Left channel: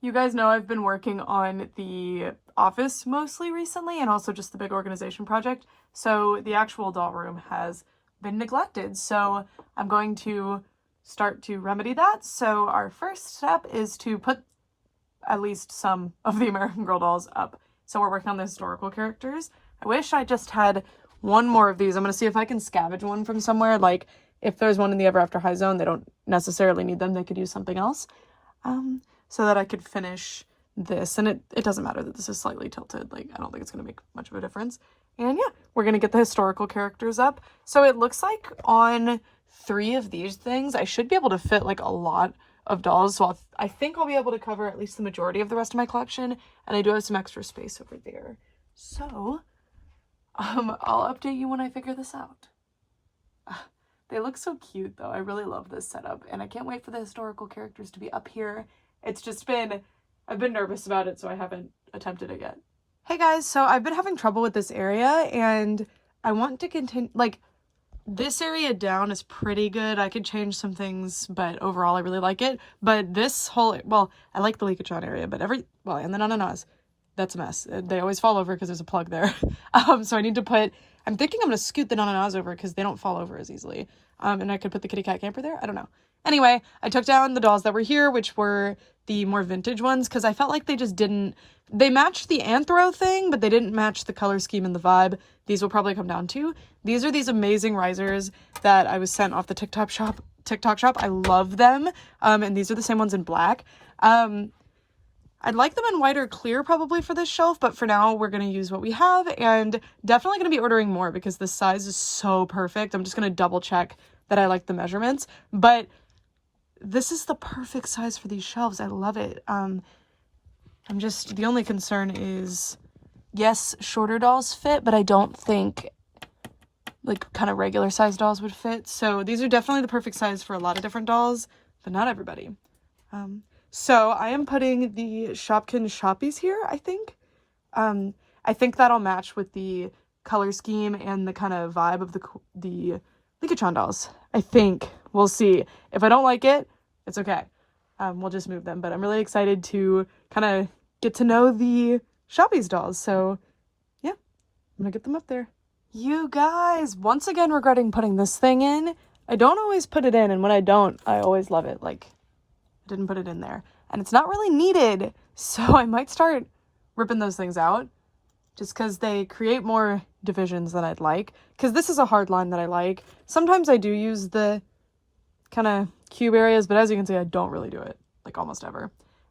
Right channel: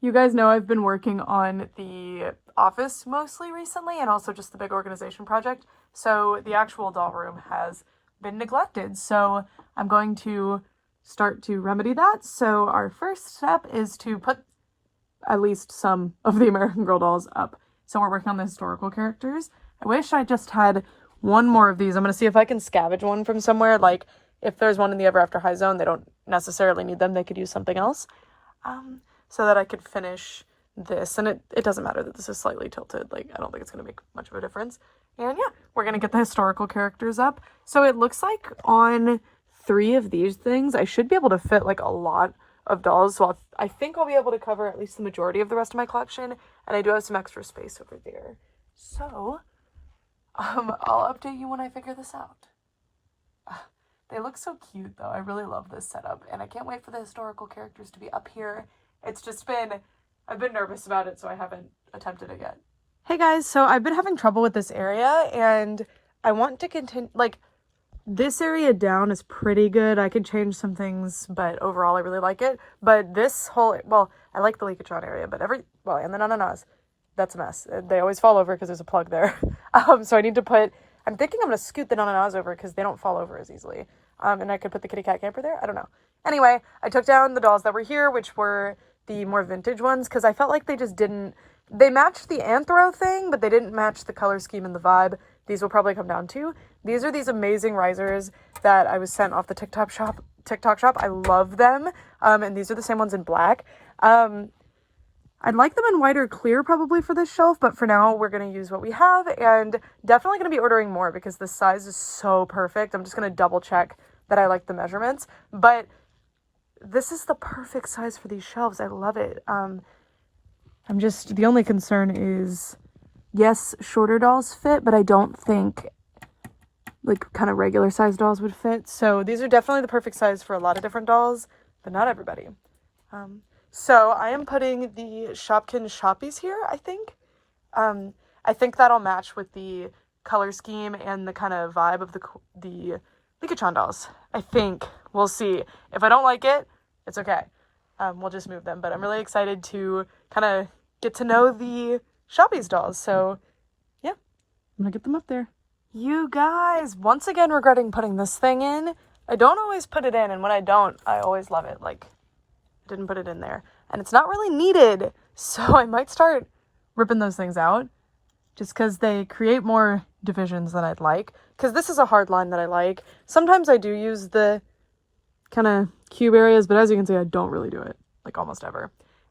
You guys know I've been working on the office mostly recently and also just the big organization project. So the actual doll room has been neglected. So I'm going to start to remedy that. So our first step is to put at least some of the American Girl dolls up. So we're working on the historical characters. I wish I just had one more of these. I'm going to see if I can scavenge one from somewhere. Like if there's one in the Ever After High Zone, they don't necessarily need them. They could use something else. So that I could finish this. And it doesn't matter that this is slightly tilted. Like, I don't think it's going to make much of a difference. And yeah, we're going to get the historical characters up. So it looks like on 3 of these things, I should be able to fit like a lot of dolls. So I think I'll be able to cover at least the majority of the rest of my collection. And I do have some extra space over there. So, I'll update you when I figure this out. They look so cute though. I really love this setup. And I can't wait for the historical characters to be up here. It's just been, I've been nervous about it, so I haven't attempted it yet. Hey guys, so I've been having trouble with this area, and I want to continue, like, this area down is pretty good. I could change some things, but overall I really like it. But this whole, well, I like the Leakatron area, but and the Ananas, that's a mess. They always fall over because there's a plug there. So I need to put, I'm thinking I'm going to scoot the Ananas over because they don't fall over as easily. And I could put the kitty cat camper there. I don't know. Anyway, I took down the dolls that were here, which were the more vintage ones, because I felt like they just didn't, they matched the anthro thing, but they didn't match the color scheme and the vibe. These will probably come down too. These are these amazing risers that I was sent off the TikTok shop. I love them. And these are the same ones in black. I'd like them in white or clear probably for this shelf, but for now we're going to use what we have, and definitely going to be ordering more because the size is so perfect. I'm just going to double check that I like the measurements, but this is the perfect size for these shelves. I love it. The only concern is, yes, shorter dolls fit, but I don't think like kind of regular size dolls would fit. So these are definitely the perfect size for a lot of different dolls, but not everybody. So I am putting the Shoppies here, I think. I think that'll match with the color scheme and the kind of vibe of the Leakatron dolls. I think. We'll see. If I don't like it, it's okay. We'll just move them. But I'm really excited to kind of get to know the Shoppies dolls. So yeah, I'm gonna get them up there. You guys, once again regretting putting this thing in. I don't always put it in, and when I don't, I always love it. Like, didn't put it in there, and it's not really needed, so I might start ripping those things out just because they create more divisions than I'd like, because this is a hard line that I like. Sometimes I do use the kind of cube areas, but as you can see, I don't really do it, like, almost ever.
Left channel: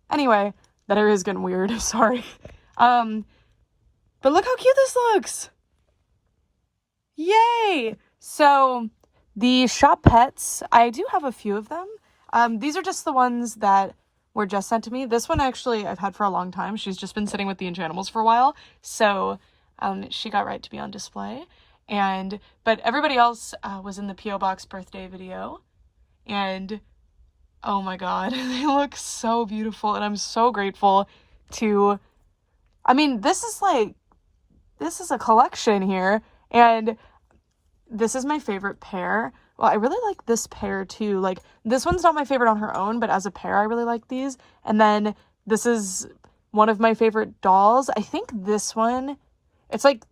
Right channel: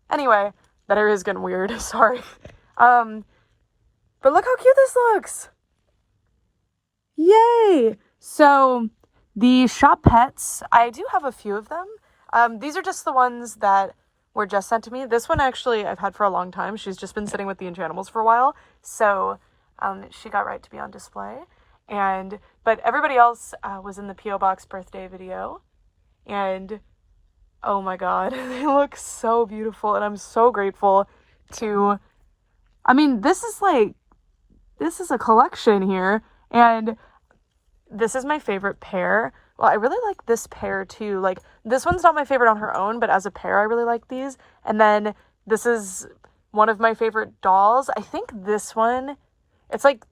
Anyway, that area is getting weird. Sorry. But look how cute this looks. Yay. So the shop pets, I do have a few of them. These are just the ones that were just sent to me. This one actually I've had for a long time. She's just been sitting with the Enchantimals for a while. So she got right to be on display. But everybody else was in the P.O. Box birthday video. And oh my god, they look so beautiful. And I'm so grateful to, I mean, this is a collection here. And this is my favorite pair. Well, I really like this pair too. Like, this one's not my favorite on her own, but as a pair, I really like these. And then this is one of my favorite dolls. I think this one, it's like,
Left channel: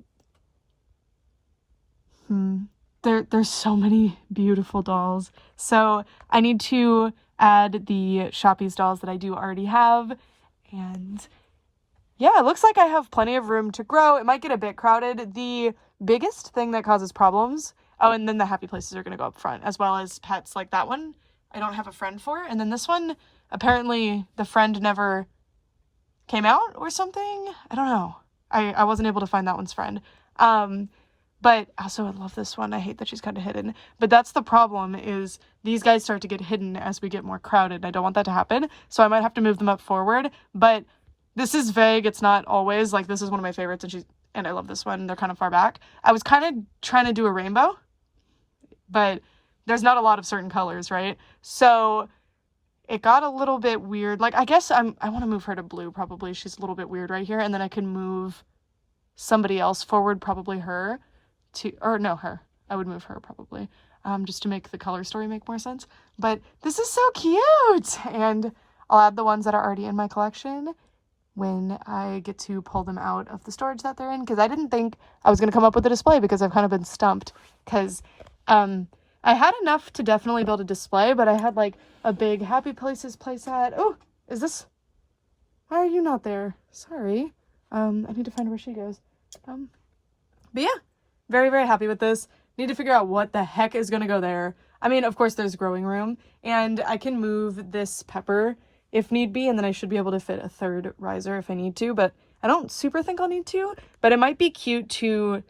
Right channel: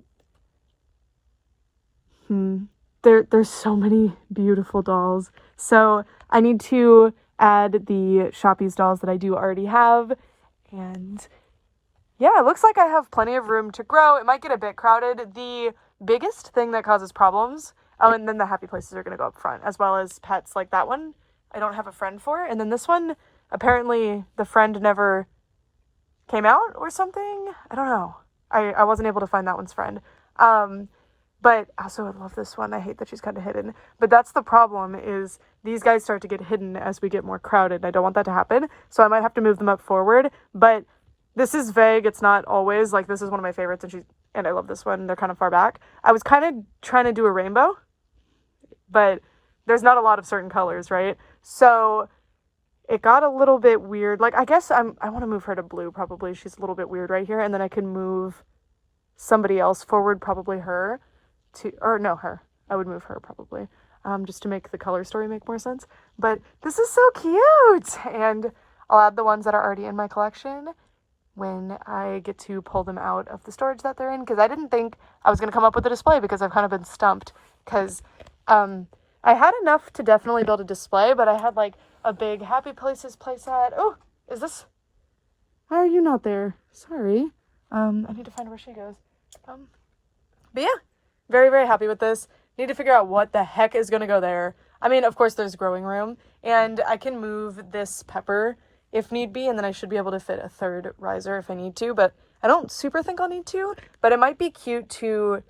there's so many beautiful dolls. So I need to add the Shoppies dolls that I do already have. And yeah, it looks like I have plenty of room to grow. It might get a bit crowded. The biggest thing that causes problems, oh, and then the happy places are going to go up front, as well as pets like that one I don't have a friend for. And then this one, apparently the friend never came out or something. I don't know. I wasn't able to find that one's friend. But also I love this one. I hate that she's kind of hidden. But that's the problem, is these guys start to get hidden as we get more crowded. I don't want that to happen. So I might have to move them up forward. But this is vague. It's not always. Like, this is one of my favorites, and I love this one. They're kind of far back. I was kind of trying to do a rainbow, but there's not a lot of certain colors, right? So it got a little bit weird. Like, I guess I want to move her to blue, probably. She's a little bit weird right here. And then I can move somebody else forward, probably her, her. I would move her, probably, just to make the color story make more sense. But this is so cute! And I'll add the ones that are already in my collection when I get to pull them out of the storage that they're in, because I didn't think I was going to come up with a display because I've kind of been stumped, because I had enough to definitely build a display, but I had like a big Happy Places playset. Oh, is this? Why are you not there? Sorry. I need to find where she goes. But yeah, very, very happy with this. Need to figure out what the heck is going to go there. I mean, of course, there's growing room, and I can move this pepper if need be, and then I should be able to fit a third riser if I need to, but I don't super think I'll need to, but it might be cute to...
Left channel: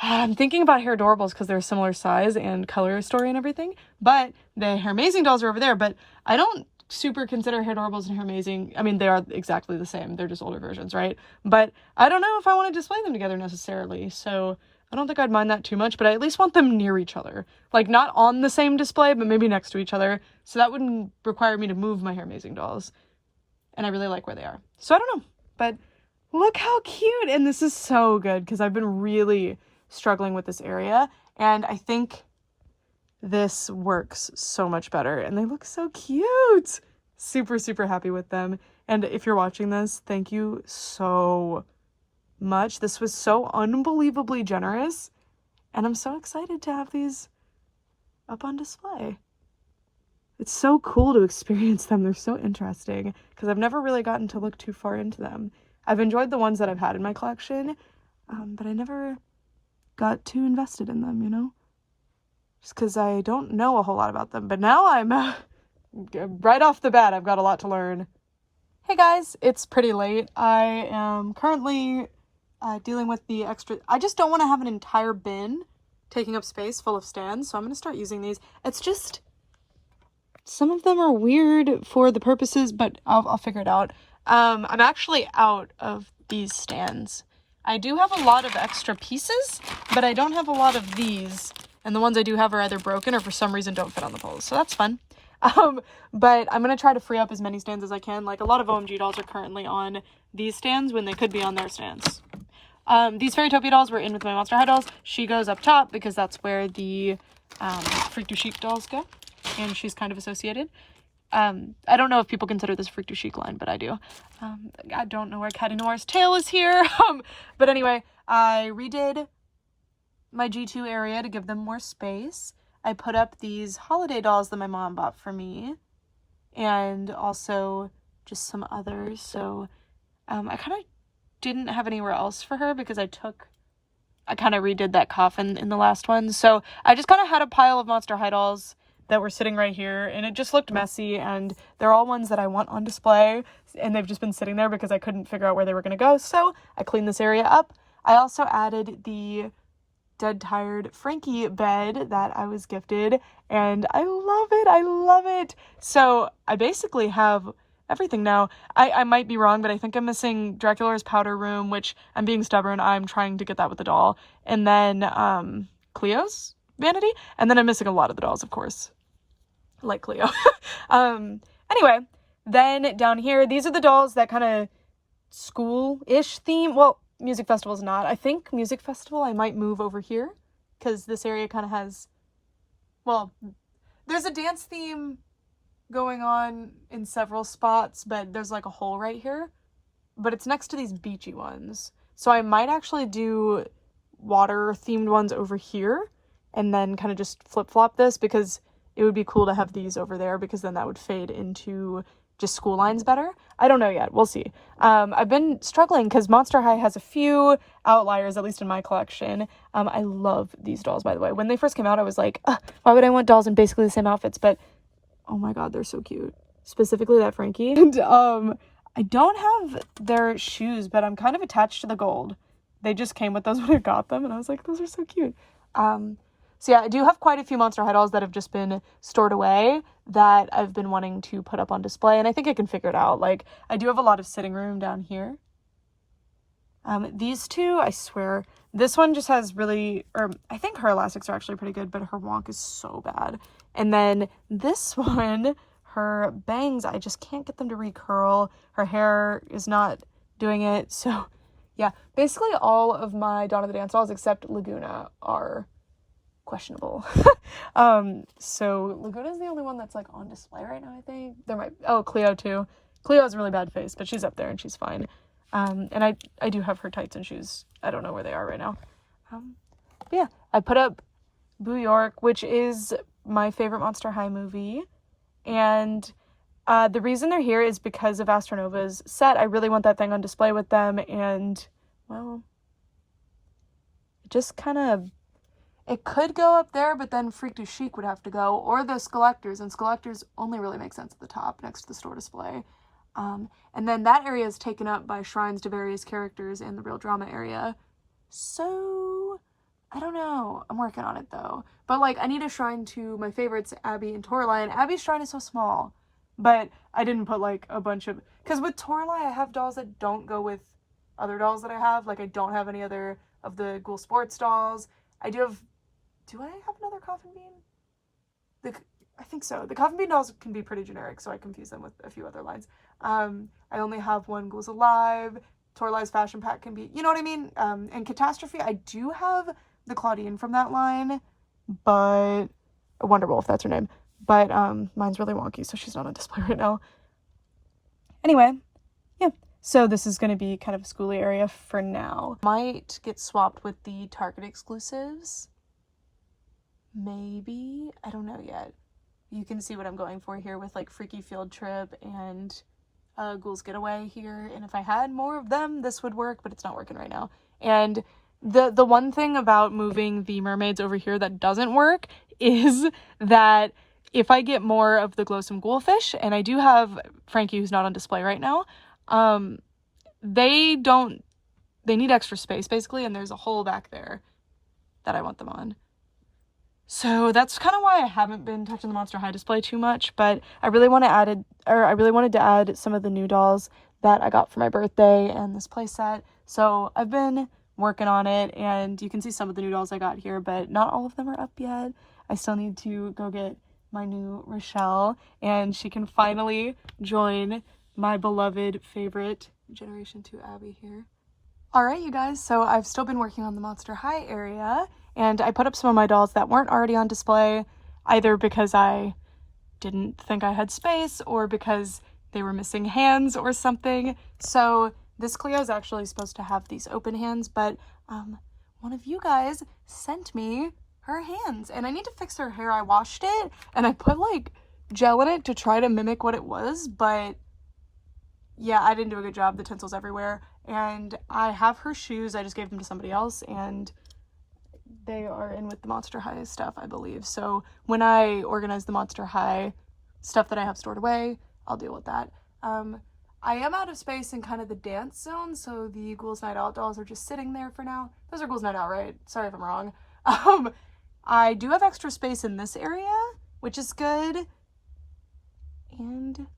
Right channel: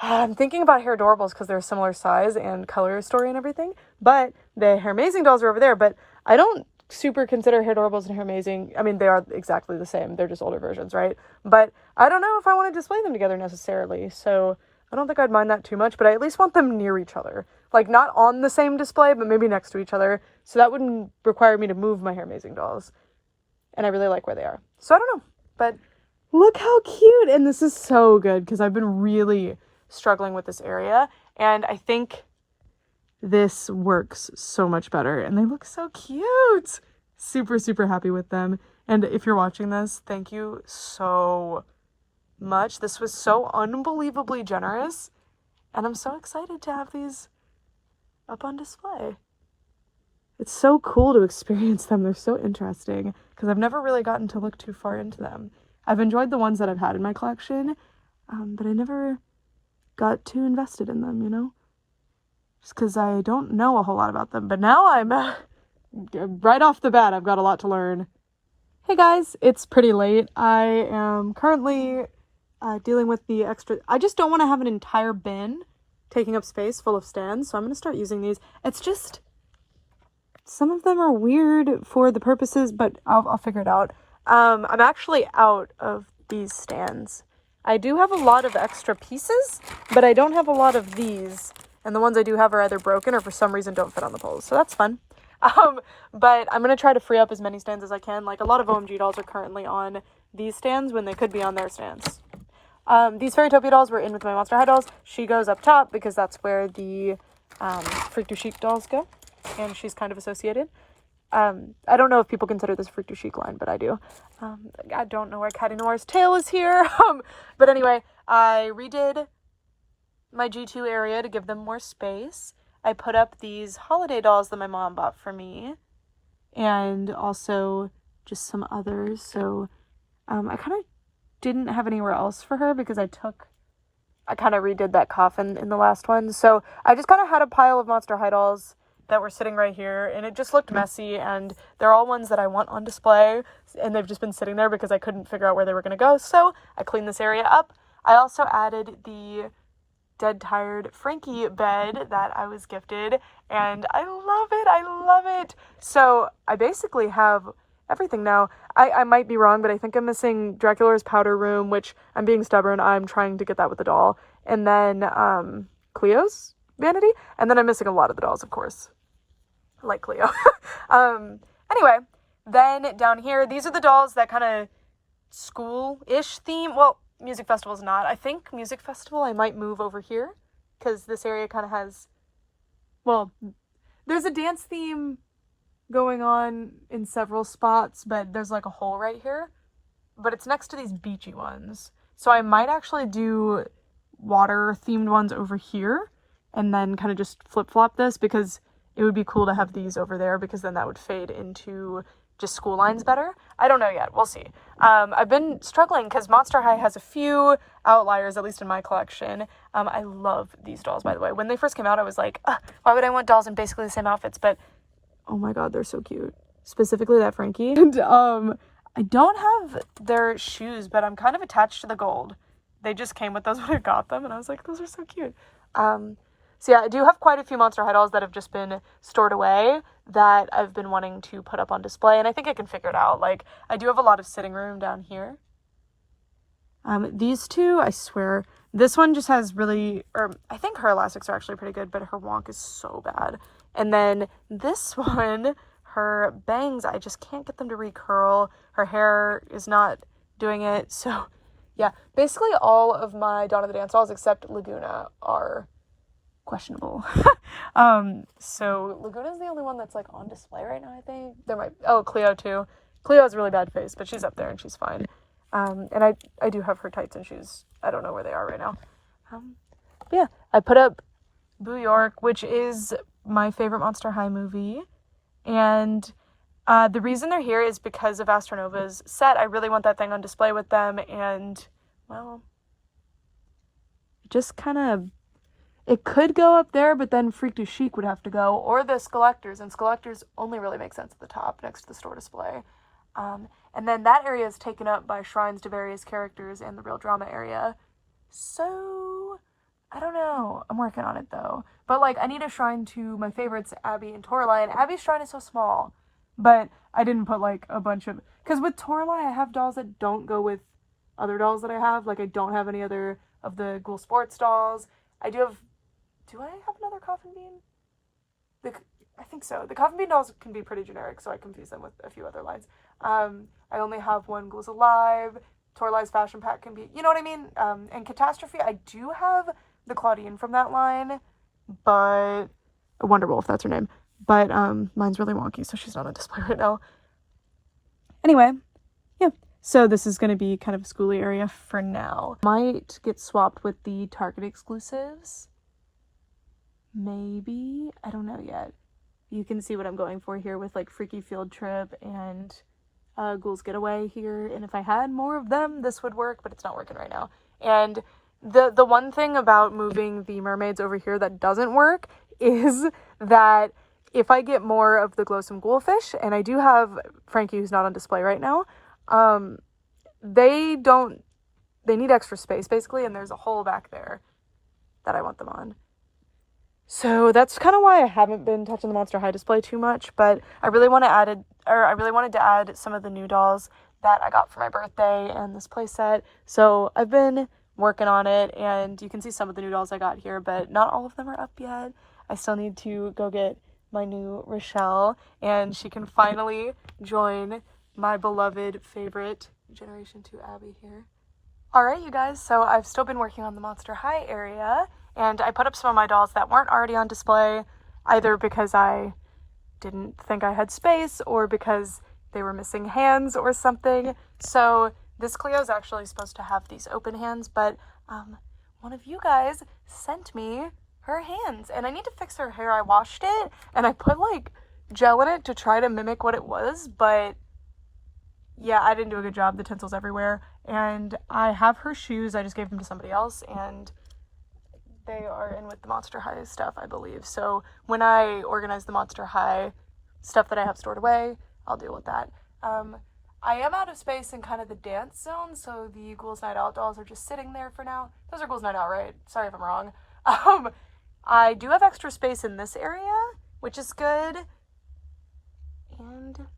I'm thinking about hair adorables because they're a similar size and color story and everything, but the Hair Amazing dolls are over there, but I don't super consider hair adorables and Hair Amazing. I mean, they are exactly the same. They're just older versions, right? But I don't know if I want to display them together necessarily, so I don't think I'd mind that too much, but I at least want them near each other. Like, not on the same display, but maybe next to each other, so that wouldn't require me to move my Hair Amazing dolls, and I really like where they are. So I don't know, but look how cute, and this is so good, because I've been really struggling with this area, and I think this works so much better, and they look so cute. Super, super happy with them. And if you're watching this, thank you so much. This was so unbelievably generous, and I'm so excited to have these up on display. It's so cool to experience them. They're so interesting, because I've never really gotten to look too far into them. I've enjoyed the ones that I've had in my collection, but I never got too invested in them, you know? Just because I don't know a whole lot about them. But now I'm, right off the bat, I've got a lot to learn. Hey guys, it's pretty late. I am currently dealing with the extra... I just don't want to have an entire bin taking up space full of stands, so I'm going to start using these. It's just... some of them are weird for the purposes, but I'll figure it out. I'm actually out of these stands. I do have a lot of extra pieces, but I don't have a lot of these. And the ones I do have are either broken or for some reason don't fit on the poles. So that's fun. But I'm going to try to free up as many stands as I can. Like, a lot of OMG dolls are currently on these stands when they could be on their stands. These Fairytopia dolls were in with my Monster High dolls. She goes up top because that's where the Freak du Chic dolls go. And she's kind of associated. I don't know if people consider this Freak du Chic line, but I do. I don't know where Caddy Noir's tail is here. But anyway, I redid my G2 area to give them more space. I put up these holiday dolls that my mom bought for me, and also just some others. So I kind of didn't have anywhere else for her because I kind of redid that coffin in the last one. So I just kind of had a pile of Monster High dolls that were sitting right here, and it just looked messy, and they're all ones that I want on display, and they've just been sitting there because I couldn't figure out where they were going to go, so I cleaned this area up. I also added the Dead Tired Frankie bed that I was gifted, and I love it. So I basically have everything now. I might be wrong, but I think I'm missing Dracula's powder room, which I'm being stubborn. I'm trying to get that with the doll, and then Cleo's vanity, and then I'm missing a lot of the dolls, of course, like Cleo. Anyway, then down here, these are the dolls that kind of school-ish theme. Well, music festival's not. I think music festival I might move over here, because this area kind of has, well, there's a dance theme going on in several spots, but there's like a hole right here, but it's next to these beachy ones. So I might actually do water themed ones over here, and then kind of just flip-flop this, because it would be cool to have these over there, because then that would fade into just school lines better. I don't know yet. We'll see. I've been struggling because Monster High has a few outliers, at least in my collection. I love these dolls, by the way. When they first came out, I was like, why would I want dolls in basically the same outfits? But, oh my god, they're so cute. Specifically that Frankie. And I don't have their shoes, but I'm kind of attached to the gold. They just came with those when I got them, and I was like, those are so cute. So yeah, I do have quite a few Monster High dolls that have just been stored away that I've been wanting to put up on display, and I think I can figure it out. Like, I do have a lot of sitting room down here. These two, I swear, this one just has really, or I think her elastics are actually pretty good, but her wonk is so bad. And then this one, her bangs, I just can't get them to recurl. Her hair is not doing it. So yeah, basically all of my Dawn of the Dance dolls except Laguna are questionable. So Laguna's the only one that's like on display right now, I think. Cleo too. Cleo has a really bad face, but she's up there and she's fine. And I do have her tights and shoes. I don't know where they are right now. Yeah, I put up Boo York, which is my favorite Monster High movie. And the reason they're here is because of Astronova's set. I really want that thing on display with them. And, well, just kind of, it could go up there, but then Freak du Chic would have to go. Or the Skelectors. And Skelectors only really make sense at the top next to the store display. And then that area is taken up by shrines to various characters in the Real Drama area. So, I don't know. I'm working on it, though. But, like, I need a shrine to my favorites, Abby and Toralei. And Abby's shrine is so small. But I didn't put, like, a bunch of... Because with Toralei, I have dolls that don't go with other dolls that I have. Like, I don't have any other of the Ghoul Sports dolls. I do have... Do I have another Coffin Bean? I think so. The Coffin Bean dolls can be pretty generic, so I confuse them with a few other lines. I only have one Ghouls Alive. Toralei's Fashion Pack can be... You know what I mean? And Catastrophe, I do have the Claudine from that line, but Wonderwolf, that's her name. But mine's really wonky, so she's not on display right now. Anyway, yeah. So this is going to be kind of a schooly area for now. Might get swapped with the Target exclusives. Maybe. I don't know yet. You can see what I'm going for here with like Freaky Field Trip and Ghouls Getaway here. And if I had more of them, this would work, but it's not working right now. And the one thing about moving the mermaids over here that doesn't work is that if I get more of the Glowsome Ghoulfish, and I do have Frankie who's not on display right now, they need extra space basically, and there's a hole back there that I want them on. So that's kind of why I haven't been touching the Monster High display too much, but I really wanted to add some of the new dolls that I got for my birthday and this playset. So I've been working on it, and you can see some of the new dolls I got here, but not all of them are up yet. I still need to go get my new Rochelle, and she can finally join my beloved favorite Generation 2 Abby here. Alright, you guys, so I've still been working on the Monster High area, and I put up some of my dolls that weren't already on display, either because I didn't think I had space or because they were missing hands or something. So this Cleo's actually supposed to have these open hands, but one of you guys sent me her hands, and I need to fix her hair. I washed it, and I put like gel in it to try to mimic what it was, but yeah, I didn't do a good job. The tinsel's everywhere, and I have her shoes. I just gave them to somebody else, and they are in with the Monster High stuff, I believe. So when I organize the Monster High stuff that I have stored away, I'll deal with that. I am out of space in kind of the dance zone, so the Ghouls Night Out dolls are just sitting there for now. Those are Ghouls Night Out, right? Sorry if I'm wrong. I do have extra space in this area, which is good. And,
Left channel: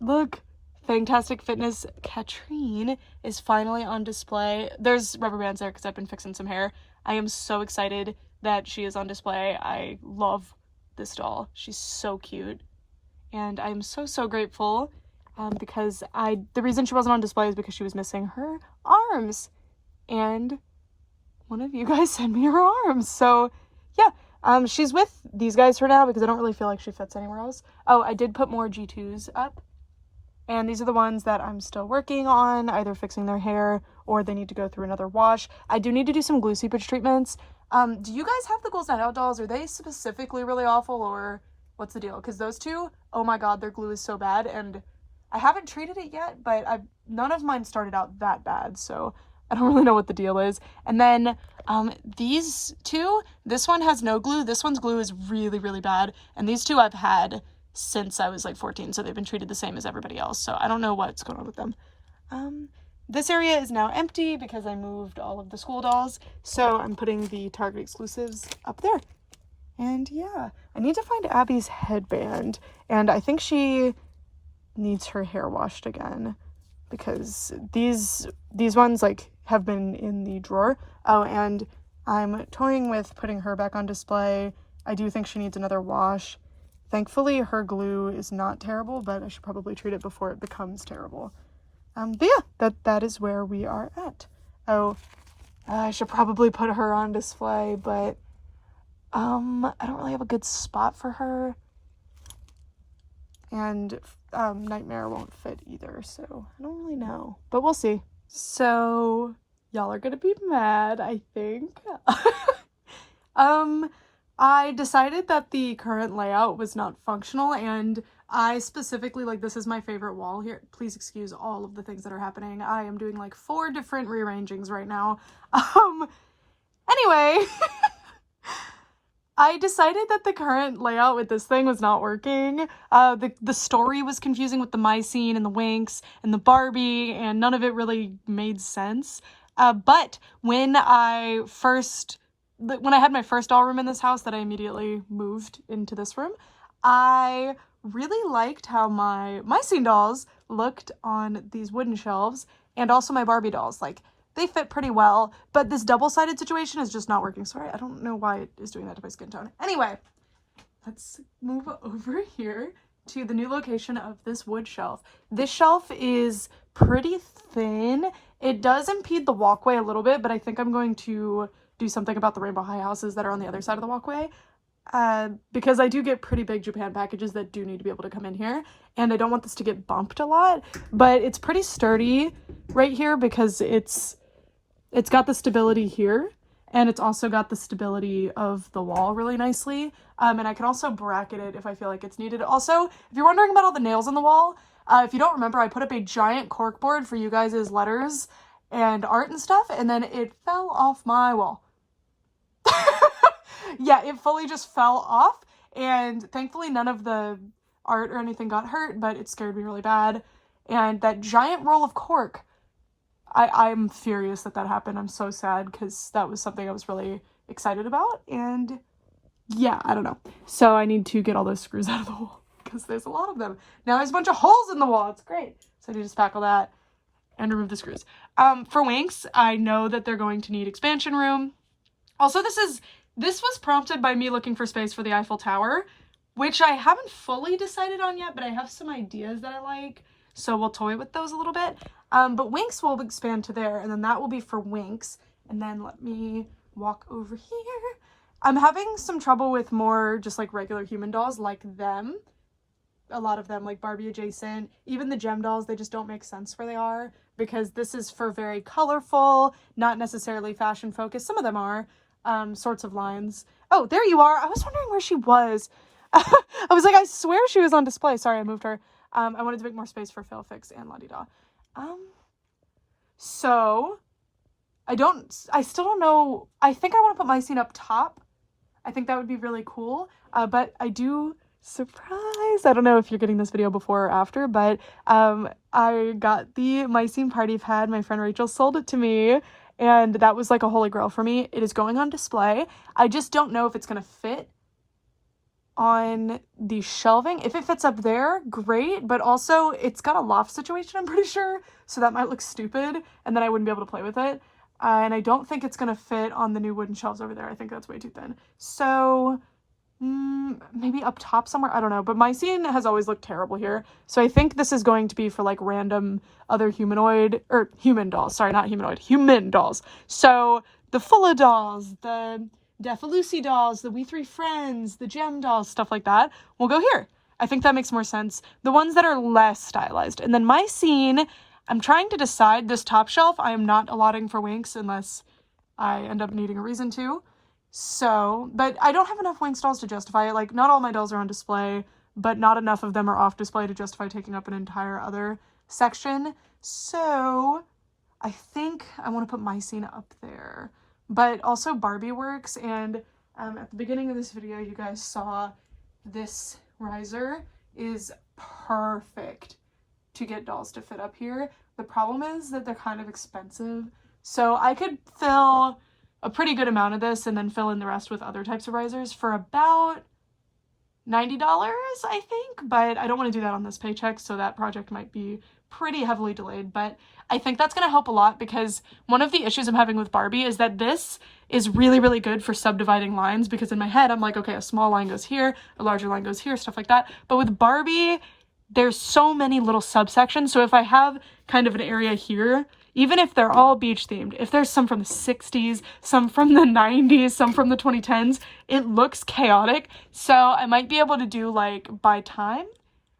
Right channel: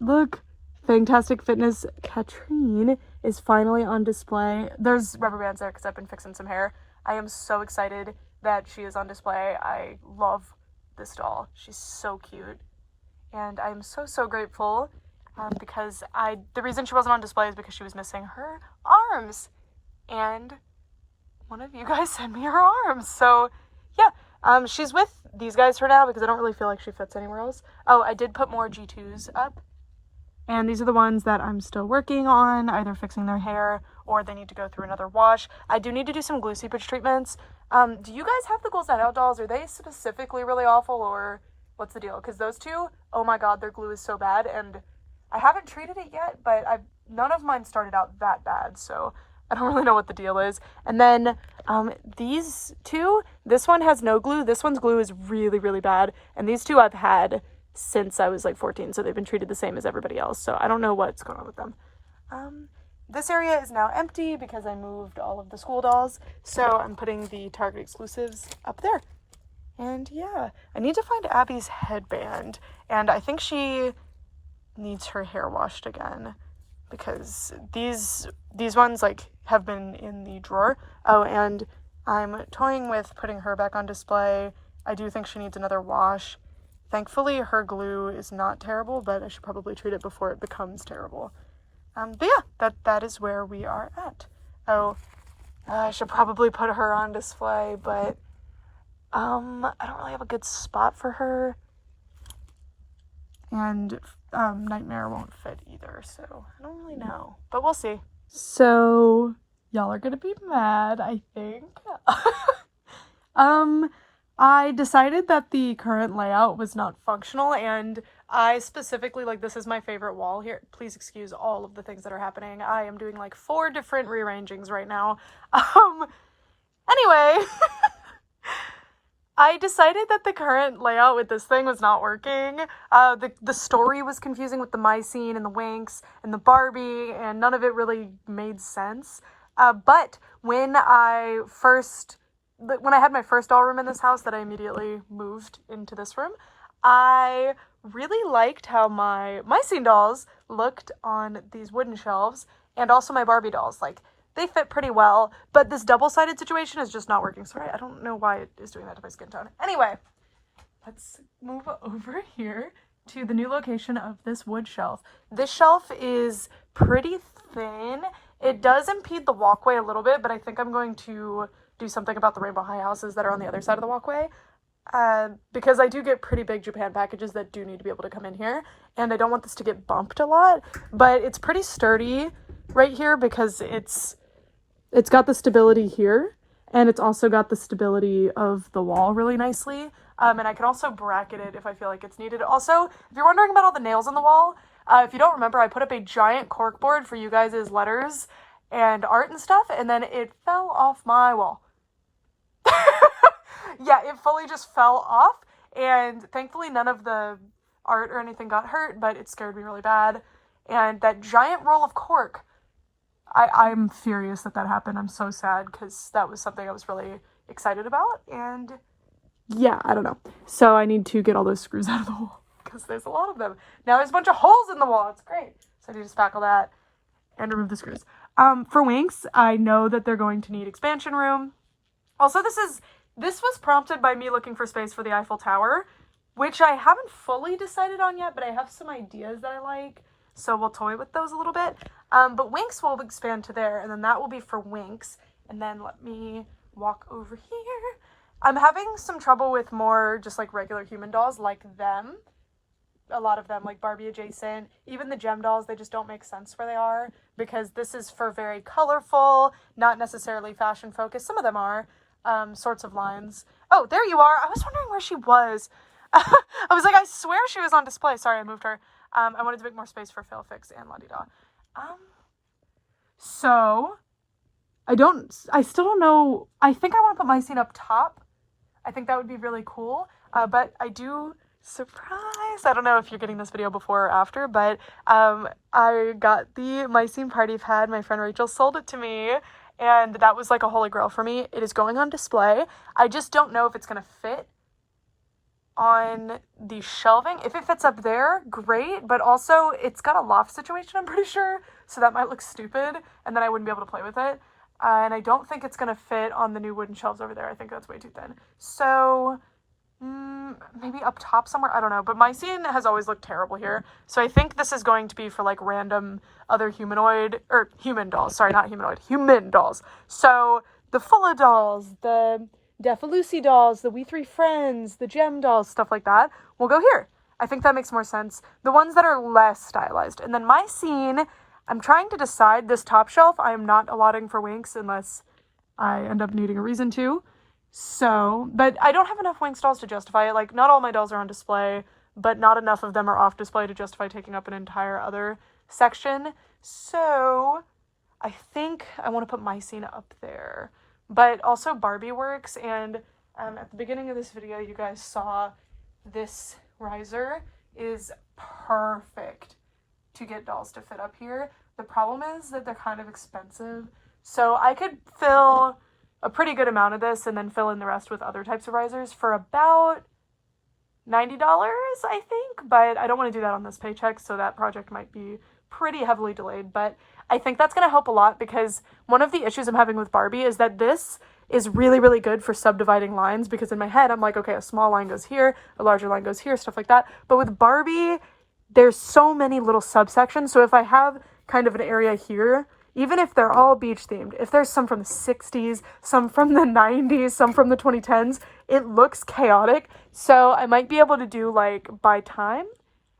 look, Fantastic Fitness Katrine is finally on display. There's rubber bands there because I've been fixing some hair. I am so excited that she is on display. I love this doll. She's so cute. And I'm so grateful because the reason she wasn't on display is because she was missing her arms. And one of you guys sent me her arms. So, yeah, she's with these guys for now because I don't really feel like she fits anywhere else. Oh, I did put more G2s up. And these are the ones that I'm still working on, either fixing their hair or they need to go through another wash. I do need to do some glue seepage treatments. Do you guys have the Ghouls Night Out dolls? Are they specifically really awful, or what's the deal? Because those two, oh my god, their glue is so bad, and I haven't treated it yet, but none of mine started out that bad, so I don't really know what the deal is. And then these two, this one has no glue. This one's glue is really bad, and these two I've had since I was like 14, so they've been treated the same as everybody else, so I don't know what's going on with them. This area is now empty because I moved all of the school dolls, so I'm putting the Target exclusives up there. And yeah, I need to find Abby's headband, and I think she needs her hair washed again because these ones like have been in the drawer. Oh, and I'm toying with putting her back on display. I do think she needs another wash. Thankfully, her glue is not terrible, but I should probably treat it before it becomes terrible. But yeah, that is where we are at. Oh, I should probably put her on display, but I don't really have a good spot for her. And Nightmare won't fit either, so I don't really know. But we'll see. So, y'all are gonna be mad, I think. I decided that the current layout was not functional, and I specifically, like, this is my favorite wall here. Please excuse all of the things that are happening. I am doing like 4 different rearrangings right now. Anyway, I decided that the current layout with this thing was not working. The story was confusing with the my scene and the Winx and the Barbie, and none of it really made sense. But when I had my first doll room in this house that I immediately moved into this room, I really liked how my scene dolls looked on these wooden shelves, and also my Barbie dolls. Like, they fit pretty well, but this double-sided situation is just not working. Sorry, I don't know why it is doing that to my skin tone. Anyway, let's move over here to the new location of this wood shelf. This shelf is pretty thin. It does impede the walkway a little bit, but I think I'm going to do something about the Rainbow High houses that are on the other side of the walkway. Because I do get pretty big Japan packages that do need to be able to come in here, and I don't want this to get bumped a lot, but it's pretty sturdy right here because it's got the stability here, and it's also got the stability of the wall really nicely. And I can also bracket it if I feel like it's needed. Also, if you're wondering about all the nails on the wall, if you don't remember, I put up a giant cork board for you guys' letters and art and stuff, and then it fell off my wall. Yeah, it fully just fell off, and thankfully none of the art or anything got hurt, but it scared me really bad. And that giant roll of cork, I'm furious that happened. I'm so sad because that was something I was really excited about, and yeah, I don't know. So I need to get all those screws out of the wall because there's a lot of them. Now there's a bunch of holes in the wall. It's great. So I need to spackle that and remove the screws. For Winx, I know that they're going to need expansion room. Also, this was prompted by me looking for space for the Eiffel Tower, which I haven't fully decided on yet, but I have some ideas that I like, so we'll toy with those a little bit. But Winx will expand to there, and then that will be for Winx. And then let me walk over here. I'm having some trouble with more just like regular human dolls like them. A lot of them, like Barbie adjacent. Even the gem dolls, they just don't make sense where they are, because this is for very colorful, not necessarily fashion focused. Some of them are. Sorts of lines. Oh, there you are. I was wondering where she was. I was like, I swear she was on display. Sorry, I moved her. I wanted to make more space for Failfix and La-Di-Da. So I still don't know. I think I want to put my scene up top. I think that would be really cool. But I do, surprise, I don't know if you're getting this video before or after, but I got the My Scene party pad. My friend Rachel sold it to me, and that was like a holy grail for me. It is going on display. I just don't know if it's gonna fit on the shelving. If it fits up there, great, but also it's got a loft situation, I'm pretty sure, so that might look stupid, and then I wouldn't be able to play with it. And I don't think it's gonna fit on the new wooden shelves over there. I think that's way too thin. So maybe up top somewhere, I don't know, but my scene has always looked terrible here, so I think this is going to be for like random other humanoid or human dolls. Sorry, not humanoid, human dolls. So the Fulla dolls, the Defalucy dolls, the We Three Friends, the Gem dolls, stuff like that will go here. I think that makes more sense. The ones that are less stylized. And then my scene, I'm trying to decide. This top shelf I am not allotting for Winx unless I end up needing a reason to. So, but I don't have enough Winx dolls to justify it. Like, not all my dolls are on display, but not enough of them are off display to justify taking up an entire other section. So I think I want to put my scene up there. But also Barbie works, and at the beginning of this video you guys saw this riser is perfect to get dolls to fit up here. The problem is that they're kind of expensive, so I could fill a pretty good amount of this and then fill in the rest with other types of risers for about $90, I think, but I don't want to do that on this paycheck, so that project might be pretty heavily delayed. But I think that's going to help a lot, because one of the issues I'm having with Barbie is that this is really, really good for subdividing lines, because in my head I'm like, okay, a small line goes here, a larger line goes here, stuff like that. But with Barbie, there's so many little subsections, so if I have kind of an area here, even if they're all beach themed, if there's some from the 60s, some from the 90s, some from the 2010s, it looks chaotic. So I might be able to do like by time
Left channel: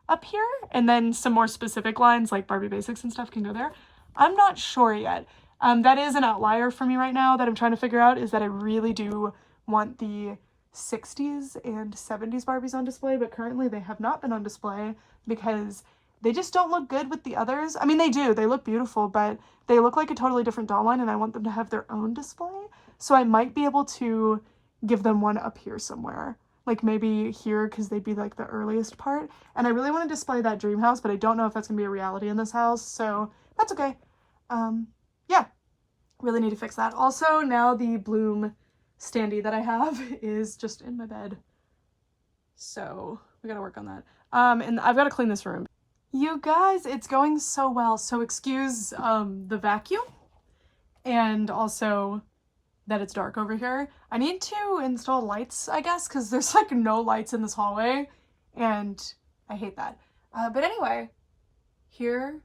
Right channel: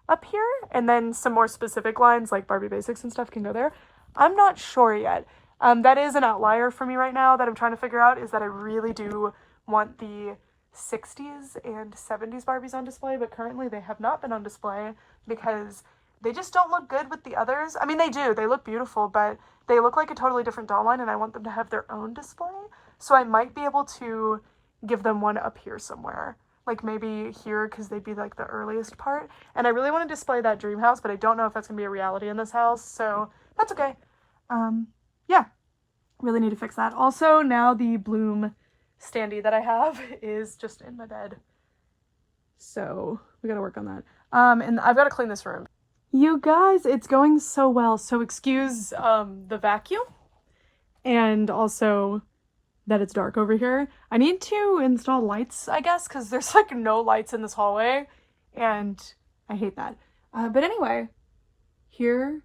up here, and then some more specific lines like Barbie Basics and stuff can go there. I'm not sure yet. That is an outlier for me right now that I'm trying to figure out, is that I really do want the 60s and 70s Barbies on display, but currently they have not been on display because they just don't look good with the others. I mean, they do. They look beautiful, but they look like a totally different doll line, and I want them to have their own display. So I might be able to give them one up here somewhere. Like maybe here, because they'd be like the earliest part. And I really want to display that dream house, but I don't know if that's going to be a reality in this house, so that's okay. Yeah, really need to fix that. Also, now the Bloom standee that I have is just in my bed. So we gotta work on that. And I've got to clean this room. You guys, it's going so well. So excuse the vacuum and also that it's dark over here. I need to install lights, I guess, because there's like no lights in this hallway and I hate that. But anyway, here.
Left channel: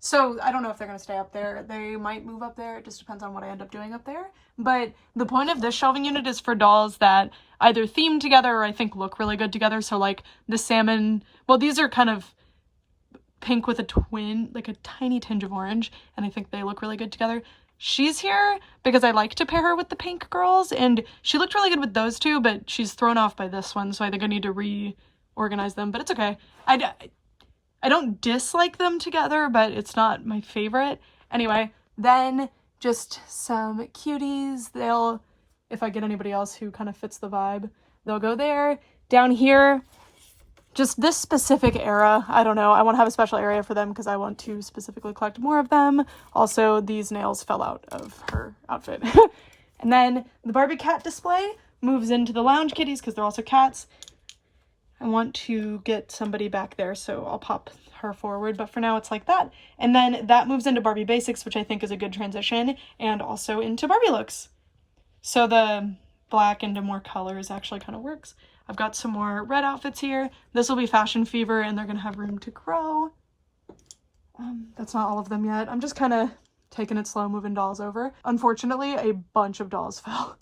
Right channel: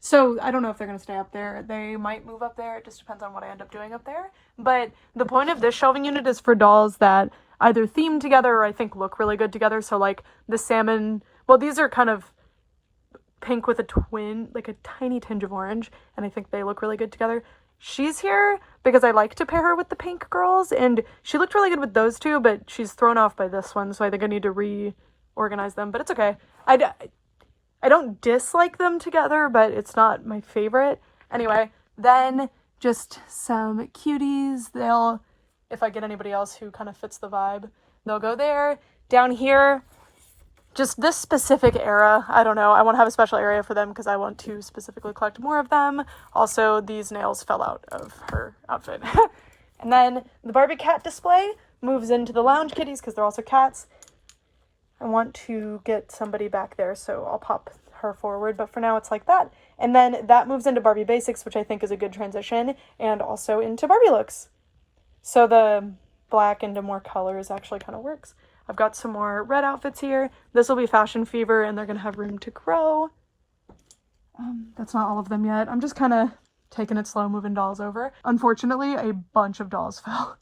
So I don't know if they're going to stay up there. They might move up there. It just depends on what I end up doing up there. But the point of this shelving unit is for dolls that either theme together or I think look really good together. So like the salmon, well, these are kind of pink with a twin, like a tiny tinge of orange. And I think they look really good together. She's here because I like to pair her with the pink girls. And she looked really good with those two, but she's thrown off by this one. So I think I need to reorganize them, but it's okay. I don't dislike them together, but it's not my favorite. Anyway, then just some cuties. They'll, if I get anybody else who kind of fits the vibe, they'll go there. Down here, just this specific era, I don't know. I want to have a special area for them because I want to specifically collect more of them. Also, these nails fell out of her outfit. And then the Barbie cat display moves into the lounge kitties because they're also cats. I want to get somebody back there, so I'll pop her forward, but for now it's like that. And then that moves into Barbie Basics, which I think is a good transition, and also into Barbie looks. So the black into more colors actually kind of works. I've got some more red outfits here. This will be Fashion Fever, and they're going to have room to grow. That's not all of them yet. I'm just kind of taking it slow, moving dolls over. Unfortunately, a bunch of dolls fell.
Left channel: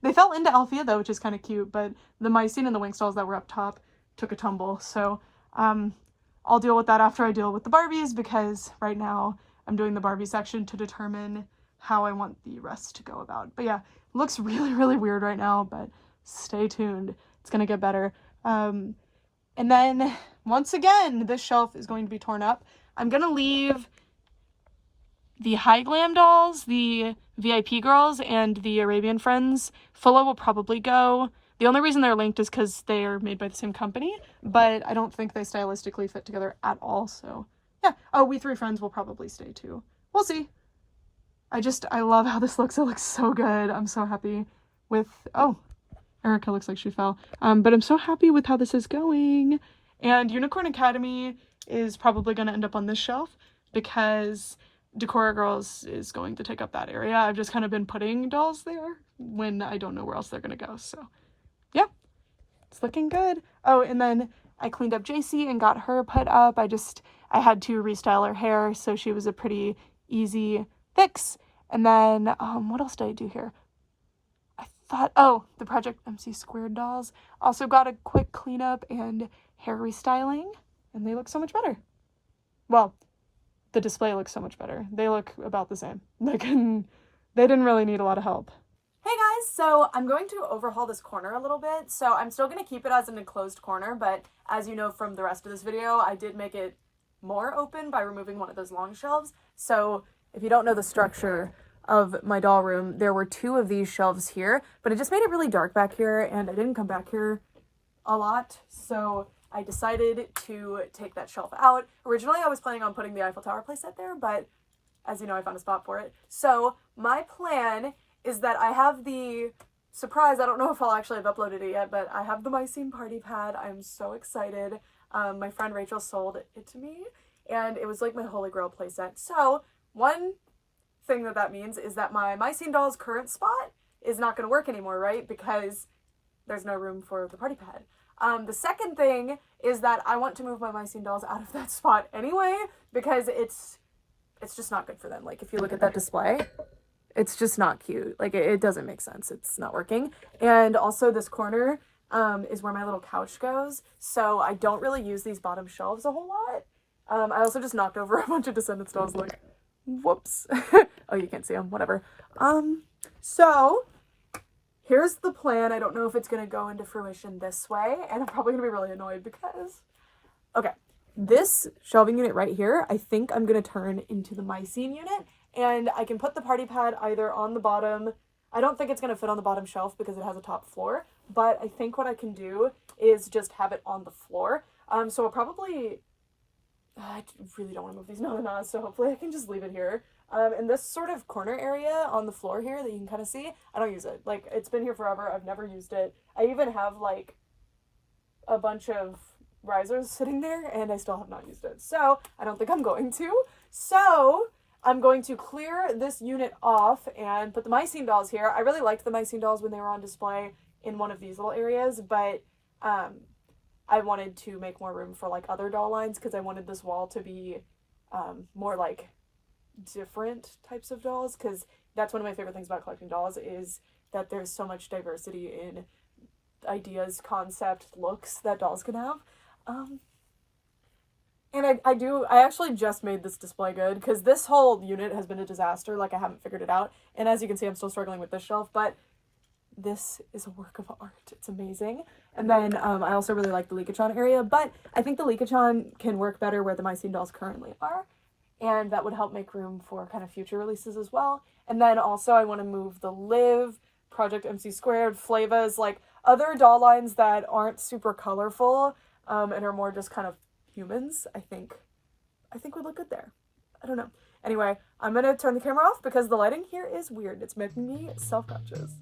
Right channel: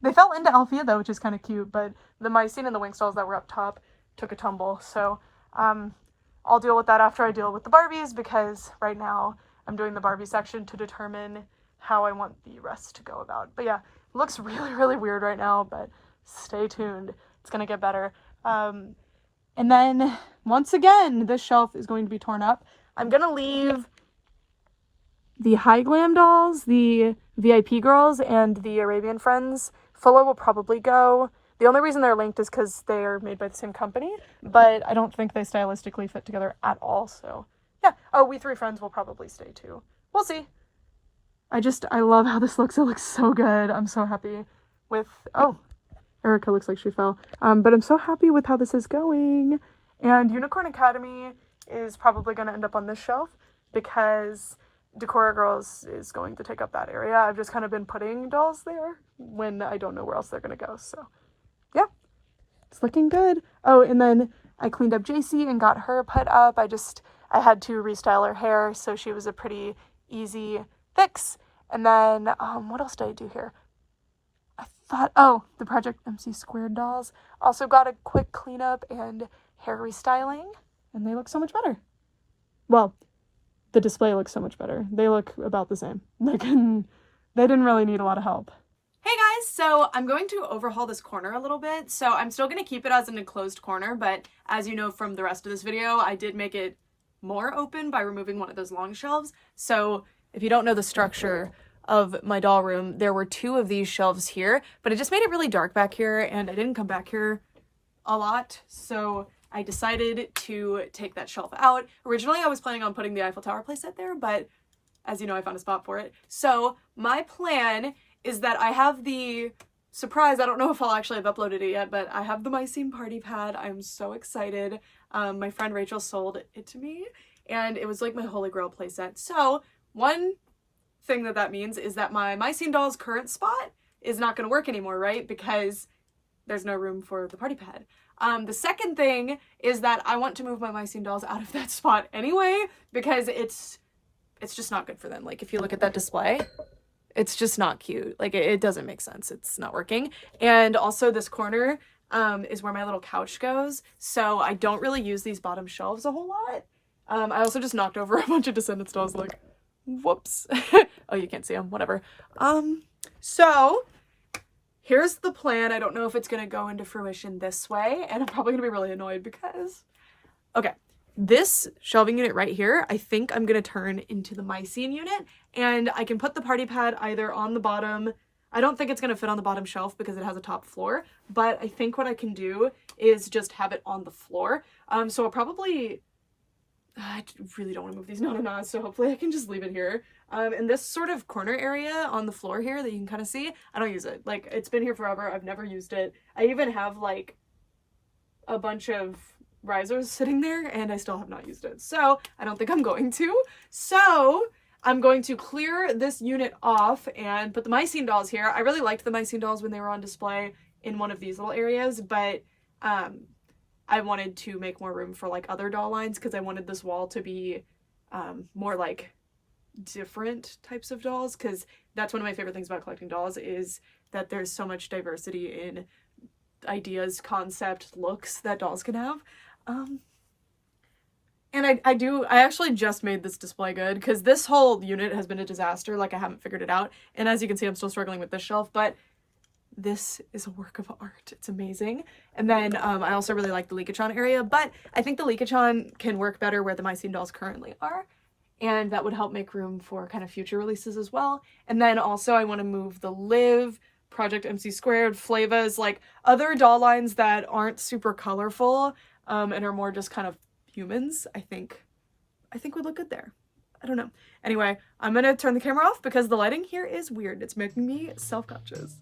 They fell into Althea, though, which is kind of cute, but the Mycene and the Winx dolls that were up top took a tumble, so I'll deal with that after I deal with the Barbies, because right now I'm doing the Barbie section to determine how I want the rest to go about. But yeah, it looks really, really weird right now, but stay tuned. It's gonna get better. And then, once again, this shelf is going to be torn up. I'm gonna leave the High Glam dolls, the VIP girls, and the Arabian Friends. Fulla will probably go. The only reason they're linked is because they are made by the same company, but I don't think they stylistically fit together at all, so yeah. Oh, We Three Friends will probably stay too. We'll see. I love how this looks. It looks so good. I'm so happy with, oh, Erica looks like she fell. But I'm so happy with how this is going. And Unicorn Academy is probably going to end up on this shelf because Decora Girls is going to take up that area. I've just kind of been putting dolls there when I don't know where else they're going to go, so yeah, it's looking good. Oh, and then I cleaned up JC and got her put up. I had to restyle her hair, so she was a pretty easy fix. And then, what else did I do here? Oh, the Project MC Squared dolls. Also got a quick cleanup and hair restyling, and they look so much better. Well, the display looks so much better. They look about the same. Like, they didn't really need a lot of help. Hey guys, so I'm going to overhaul this corner a little bit. So I'm still going to keep it as an enclosed corner, but as you know from the rest of this video, I did make it more open by removing one of those long shelves. So if you don't know the structure of my doll room, there were two of these shelves here, but it just made it really dark back here, and I didn't come back here a lot. So I decided to take that shelf out. Originally, I was planning on putting the Eiffel Tower playset there, but as you know, I found a spot for it. So my plan is that I have the surprise, I don't know if I'll actually have uploaded it yet, but I have the Mycene party pad. I'm so excited. My friend Rachel sold it to me, and it was like my holy grail playset. So one thing that means is that my Mycene doll's current spot is not going to work anymore, right? Because there's no room for the party pad. The second thing is that I want to move my Mycene dolls out of that spot anyway, because it's it's just not good for them. Like if you look at that display, it's just not cute. Like it doesn't make sense. It's not working. And also this corner is where my little couch goes. So I don't really use these bottom shelves a whole lot. I also just knocked over a bunch of Descendants dolls. Like, whoops. Oh, you can't see them. Whatever. So here's the plan. I don't know if it's going to go into fruition this way. And I'm probably going to be really annoyed because... Okay. This shelving unit right here, I think I'm going to turn into the mycene unit, and I can put the party pad either on the bottom. I don't think it's going to fit on the bottom shelf because it has a top floor, but I think what I can do is just have it on the floor. So I'll probably, I really don't want to move these no, so hopefully I can just leave it here. And this sort of corner area on the floor here that you can kind of see, I don't use it. Like, it's been here forever. I've never used it. I even have like a bunch of risers sitting there and I still have not used it. So I don't think I'm going to. So I'm going to clear this unit off and put the mycene dolls here. I really liked the mycene dolls when they were on display in one of these little areas, but I wanted to make more room for like other doll lines because I wanted this wall to be more like different types of dolls, because that's one of my favorite things about collecting dolls is that there's so much diversity in ideas, concept, looks that dolls can have. And I actually just made this display good because this whole unit has been a disaster. Like, I haven't figured it out. And as you can see, I'm still struggling with this shelf, but this is a work of art. It's amazing. And then I also really like the Leakatron area, but I think the Leakatron can work better where the mycene dolls currently are. And that would help make room for kind of future releases as well. And then also I want to move the Liv, Project MC Squared, Flavas, like other doll lines that aren't super colorful and are more just kind of humans, I think would look good there. I don't know. Anyway, I'm gonna turn the camera off because the lighting here is weird. It's making me self-conscious.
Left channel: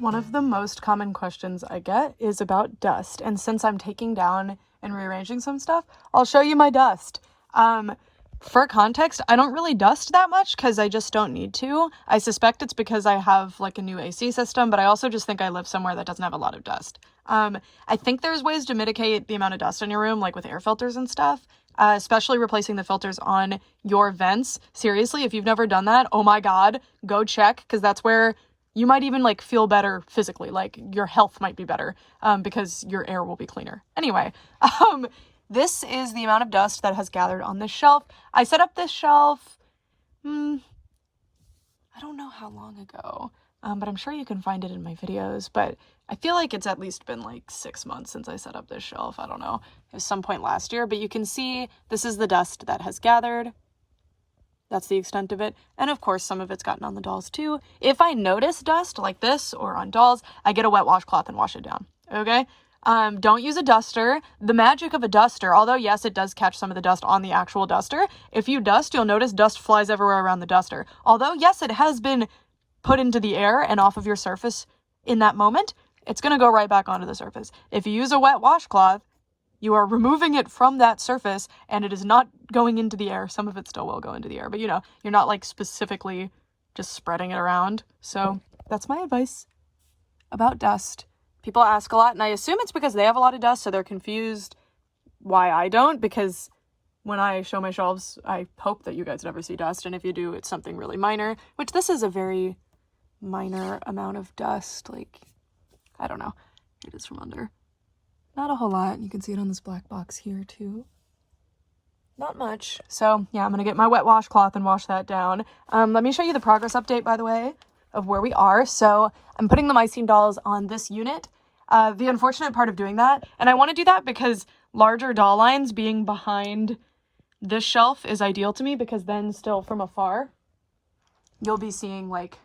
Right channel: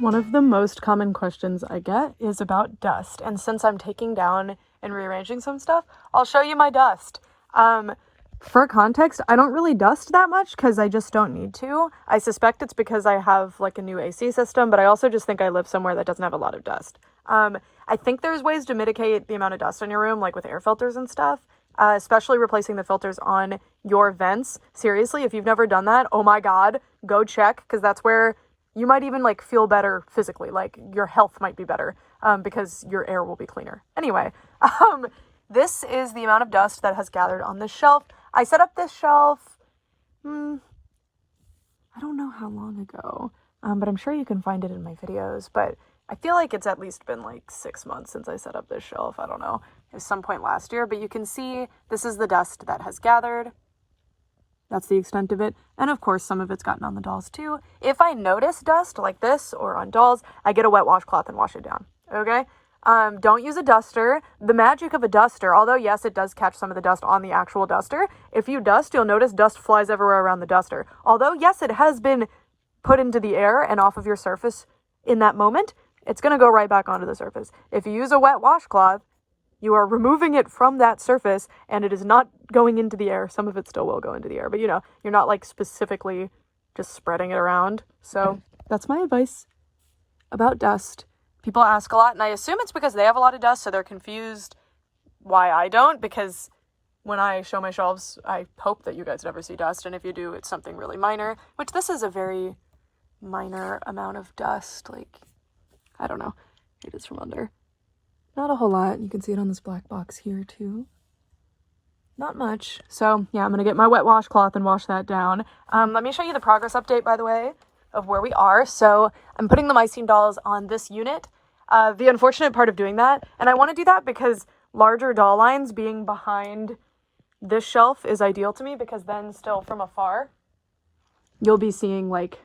One of the most common questions I get is about dust, and since I'm taking down and rearranging some stuff, I'll show you my dust. For context, I don't really dust that much because I just don't need to. I suspect it's because I have like a new AC system, but I also just think I live somewhere that doesn't have a lot of dust. I think there's ways to mitigate the amount of dust in your room, like with air filters and stuff, especially replacing the filters on your vents. Seriously, if you've never done that, oh my God, go check, because that's where you might even like feel better physically, like your health might be better because your air will be cleaner. Anyway, this is the amount of dust that has gathered on this shelf. I set up this shelf, I don't know how long ago, but I'm sure you can find it in my videos, but I feel like it's at least been like 6 months since I set up this shelf. I don't know, it was some point last year, but you can see this is the dust that has gathered. That's the extent of it. And of course, some of it's gotten on the dolls too. If I notice dust like this or on dolls, I get a wet washcloth and wash it down. Okay? Don't use a duster. The magic of a duster, although yes, it does catch some of the dust on the actual duster. If you dust, you'll notice dust flies everywhere around the duster. Although yes, it has been put into the air and off of your surface in that moment, it's going to go right back onto the surface. If you use a wet washcloth, you are removing it from that surface and it is not going into the air. Some of it still will go into the air, but you know, you're not like specifically just spreading it around. So that's my advice about dust. People ask a lot, and I assume it's because they have a lot of dust, so they're confused why I don't, because when I show my shelves, I hope that you guys never see dust, and if you do, it's something really minor, which this is a very minor amount of dust. Like, I don't know. Here it is from under. Not a whole lot. You can see it on this black box here too. Not much. So yeah, I'm gonna get my wet washcloth and wash that down. Let me show you the progress update, by the way, of where we are. So I'm putting the mycene dolls on this unit. The unfortunate part of doing that, and I want to do that because larger doll lines being behind this shelf is ideal to me, because then still from afar, you'll be seeing like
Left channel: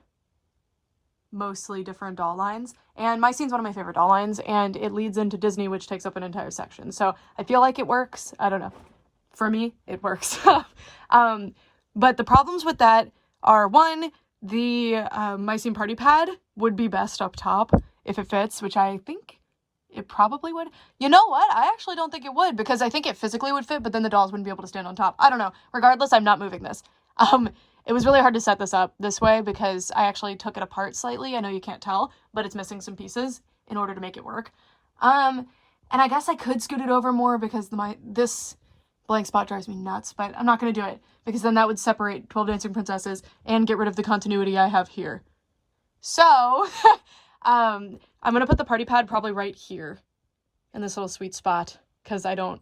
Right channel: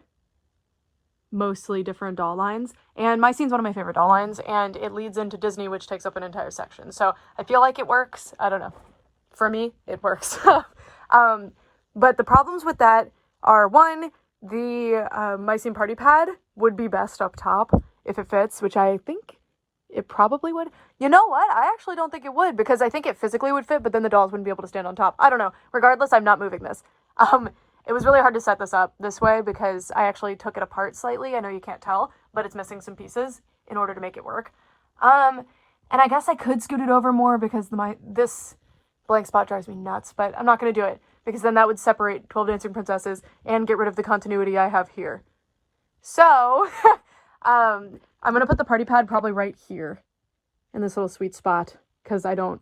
mostly different doll lines, and mycene's one of my favorite doll lines, and it leads into Disney, which takes up an entire section, so I feel like it works. I don't know, for me it works. But the problems with that are, one, the Mycene Party Pad would be best up top if it fits, which I think it probably would. You know what? I actually don't think it would, because I think it physically would fit, but then the dolls wouldn't be able to stand on top. I don't know. Regardless, I'm not moving this. It was really hard to set this up this way because I actually took it apart slightly. I know you can't tell, but it's missing some pieces in order to make it work. And I guess I could scoot it over more because this blank spot drives me nuts, but I'm not going to do it because then that would separate 12 Dancing Princesses and get rid of the continuity I have here. So, I'm going to put the party pad probably right here in this little sweet spot because I'm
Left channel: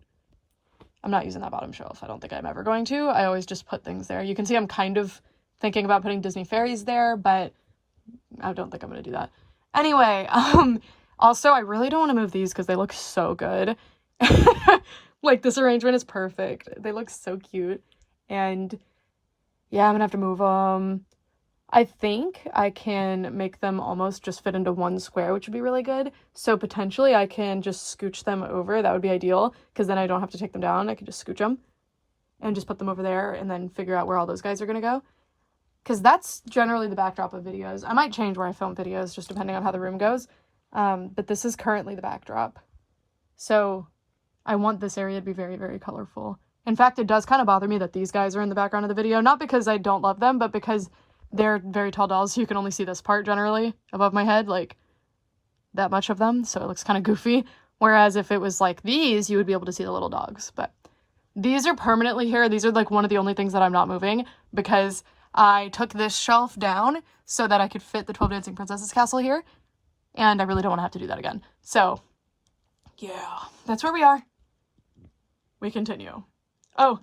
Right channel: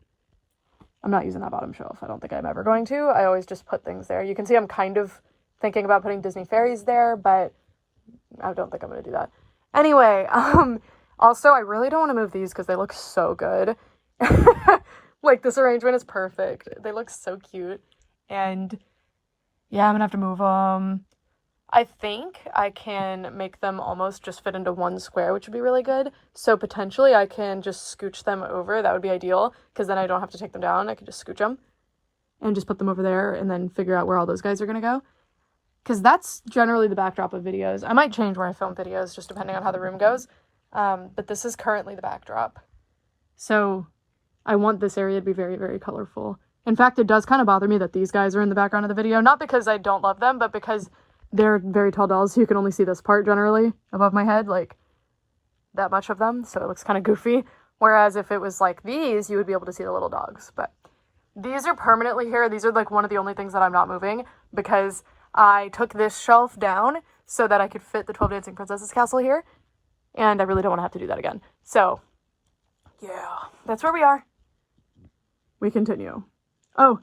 not using that bottom shelf. I don't think I'm ever going to. I always just put things there. You can see I'm kind of thinking about putting Disney fairies there, but I don't think I'm going to do that. Anyway, also, I really don't want to move these because they look so good. Like, this arrangement is perfect. They look so cute. And yeah, I'm going to have to move them. I think I can make them almost just fit into one square, which would be really good. So potentially I can just scooch them over. That would be ideal because then I don't have to take them down. I can just scooch them and just put them over there and then figure out where all those guys are going to go. Because that's generally the backdrop of videos. I might change where I film videos just depending on how the room goes. But this is currently the backdrop. So I want this area to be very, very colorful. In fact, it does kind of bother me that these guys are in the background of the video. Not because I don't love them, but because they're very tall dolls, so you can only see this part generally above my head, like that much of them, so it looks kind of goofy. Whereas if it was like these, you would be able to see the little dogs. But these are permanently here. These are like one of the only things that I'm not moving because I took this shelf down so that I could fit the 12 Dancing Princesses castle here, and I really don't want to have to do that again. So yeah, that's where we are. We continue. Oh,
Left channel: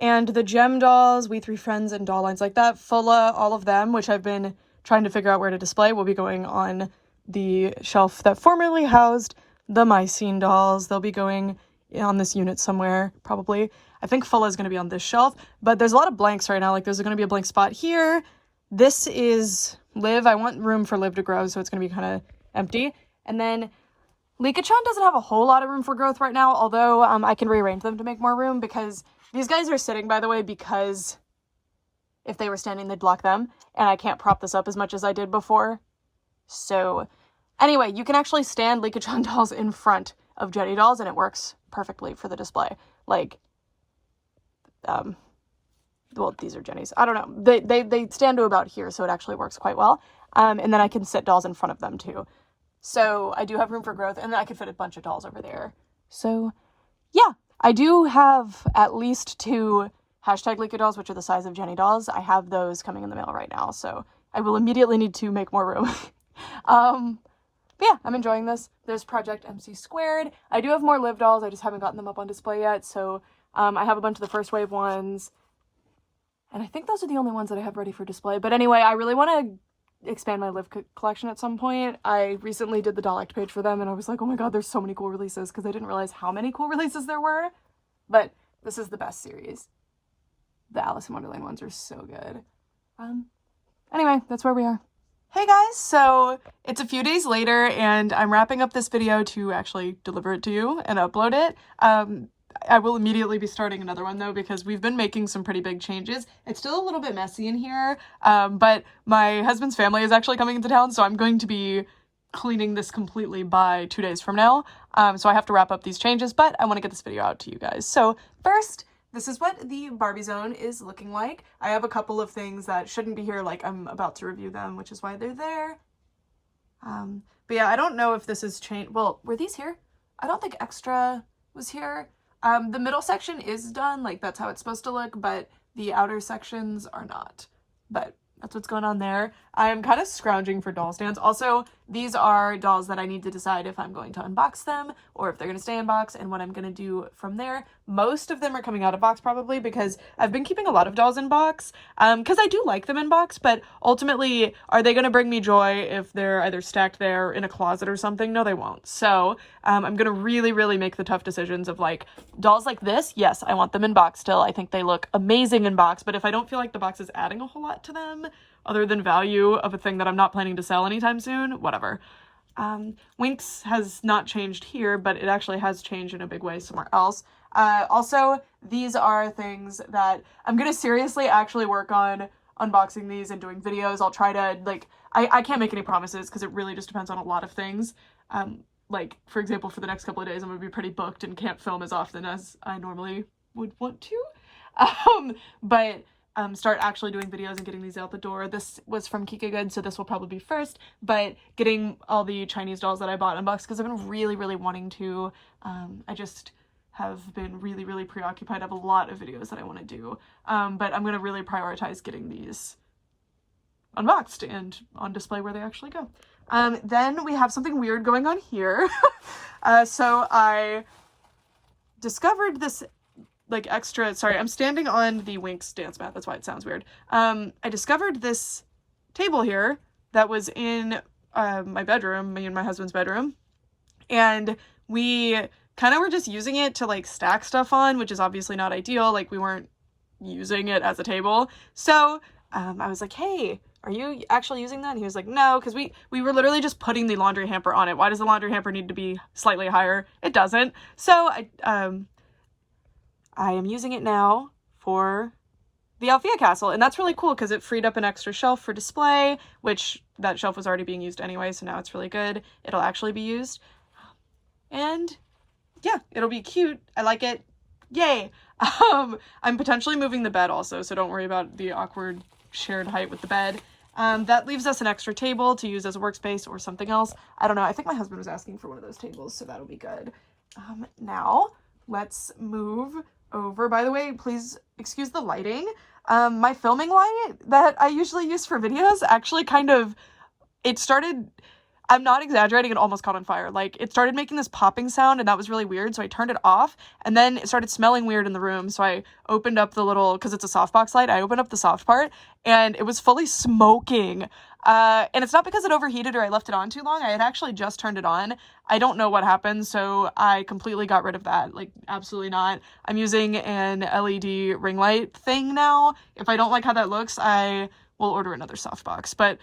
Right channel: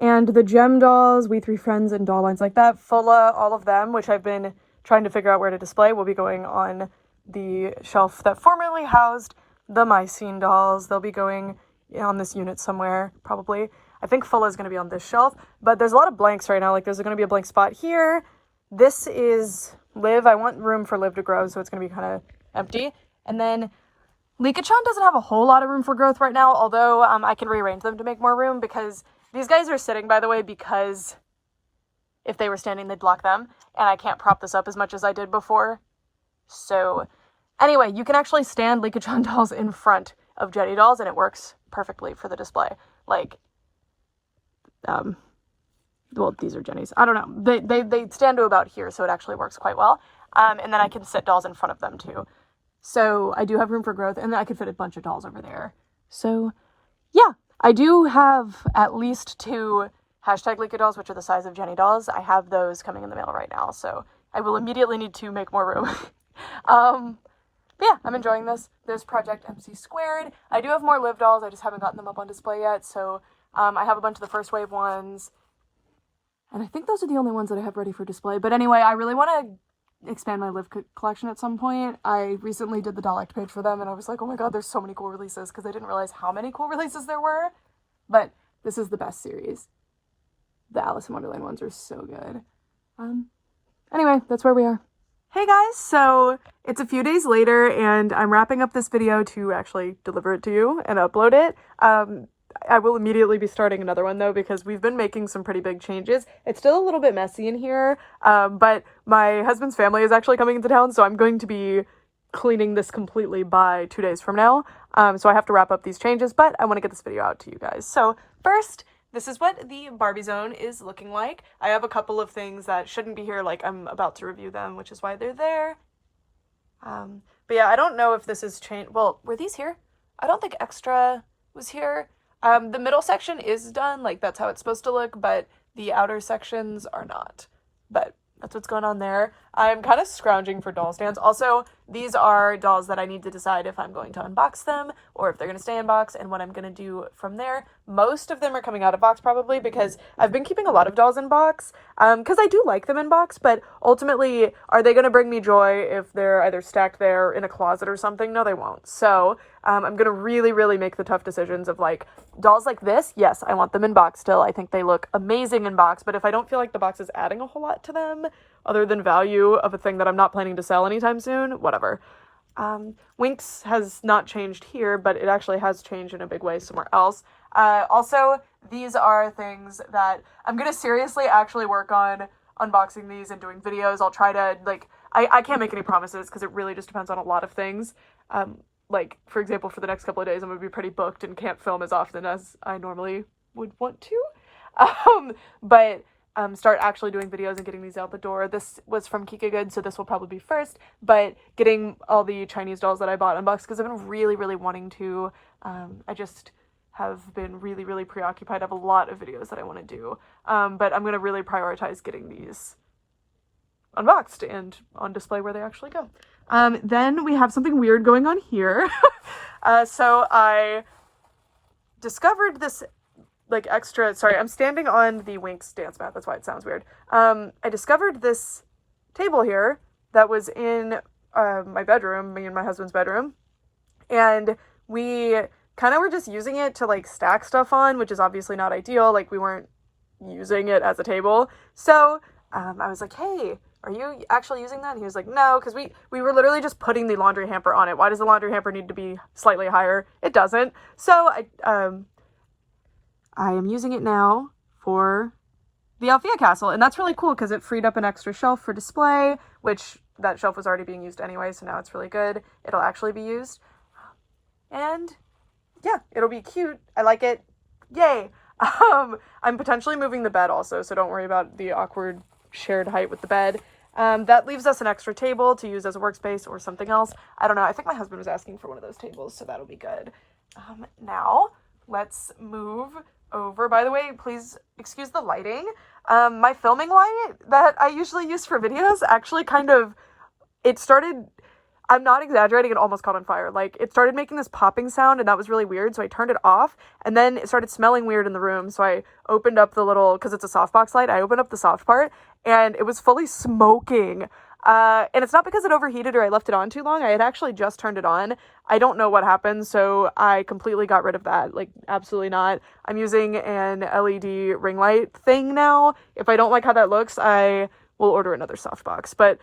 and the gem dolls, We Three Friends, and doll lines like that, Fulla, all of them, which I've been trying to figure out where to display, will be going on the shelf that formerly housed the Mycene dolls. They'll be going on this unit somewhere, probably. I think Fulla is going to be on this shelf, but there's a lot of blanks right now. Like, there's going to be a blank spot here. This is Liv. I want room for Liv to grow, so it's going to be kind of empty. And then Liko-chan doesn't have a whole lot of room for growth right now, although I can rearrange them to make more room because these guys are sitting, by the way, because if they were standing, they'd block them, and I can't prop this up as much as I did before. So, anyway, you can actually stand Liko-chan dolls in front of Jetty dolls, and it works perfectly for the display. Like, well, these are Jenny's. I don't know. They stand to about here, so it actually works quite well. And then I can sit dolls in front of them, too. So, I do have room for growth, and then I could fit a bunch of dolls over there. So, yeah. I do have at least 2 hashtag Liko dolls, which are the size of Jenny dolls. I have those coming in the mail right now, so I will immediately need to make more room. But yeah, I'm enjoying this. There's Project MC Squared. I do have more Liv dolls. I just haven't gotten them up on display yet, so I have a bunch of the first wave ones. And I think those are the only ones that I have ready for display. But anyway, I really want to expand my Liv collection at some point. I recently did the doll act page for them, and I was like, oh my god, there's so many cool releases, because I didn't realize how many cool releases there were. But this is the best series. The Alice in Wonderland ones are so good. Anyway, that's where we are. Hey guys, so it's a few days later, and I'm wrapping up this video to actually deliver it to you and upload it. I will immediately be starting another one though, because we've been making some pretty big changes. It's still a little bit messy in here, but my husband's family is actually coming into town, so I'm going to be cleaning this completely by 2 days from now. So I have to wrap up these changes, but I want to get this video out to you guys. So first, this is what the Barbie zone is looking like. I have a couple of things that shouldn't be here, like I'm about to review them, which is why they're there. But yeah, I don't know if this is changed. Well, were these here? I don't think extra was here. The middle section is done, like that's how it's supposed to look, but the outer sections are not. But that's what's going on there. I'm kind of scrounging for doll stands. Also, these are dolls that I need to decide if I'm going to unbox them or if they're going to stay in box and what I'm going to do from there. Most of them are coming out of box probably because I've been keeping a lot of dolls in box because I do like them in box, but ultimately, are they going to bring me joy if they're either stacked there in a closet or something? No, they won't. So I'm going to really, really make the tough decisions of like dolls like this. Yes, I want them in box still. I think they look amazing in box, but if I don't feel like the box is adding a whole lot to them, other than value of a thing that I'm not planning to sell anytime soon, whatever. Winx has not changed here, but it actually has changed in a big way somewhere else. Also, these are things that I'm going to seriously actually work on unboxing these and doing videos. I'll try to, like, I can't make any promises because it really just depends on a lot of things. Like, for example, for the next couple of days, I'm going to be pretty booked and can't film as often as I normally would want to. But start actually doing videos and getting these out the door. This was from Kika Good, so this will probably be first, but getting all the Chinese dolls that I bought unboxed because I've been really, really wanting to. I just have been really, really preoccupied. I have a lot of videos that I want to do, but I'm going to really prioritize getting these unboxed and on display where they actually go. Then we have something weird going on here. So I discovered this like extra, sorry, I'm standing on the Winx dance mat, that's why it sounds weird. I discovered this table here that was in my bedroom, me and my husband's bedroom, and we kind of were just using it to like stack stuff on, which is obviously not ideal. Like, we weren't using it as a table. So I was like, hey, are you actually using that? And he was like, no, because we were literally just putting the laundry hamper on it. Why does the laundry hamper need to be slightly higher? It doesn't. So I am using it now for the Althea Castle, and that's really cool because it freed up an extra shelf for display, which that shelf was already being used anyway, so now it's really good. It'll actually be used. And yeah, it'll be cute. I like it. Yay! I'm potentially moving the bed also, so don't worry about the awkward shared height with the bed. That leaves us an extra table to use as a workspace or something else. I don't know. I think my husband was asking for one of those tables, so that'll be good. Now, let's move over. By the way, please excuse the lighting. My filming light that I usually use for videos actually it started, I'm not exaggerating, it almost caught on fire. Like, it started making this popping sound, and that was really weird, so I turned it off, and then it started smelling weird in the room, so I opened up the little, because it's a softbox light, I opened up the soft part, and it was fully smoking. And it's not because it overheated or I left it on too long. I had actually just turned it on. I don't know what happened, so I completely got rid of that. Like, absolutely not. I'm using an LED ring light thing now. If I don't like how that looks, I will order another softbox. But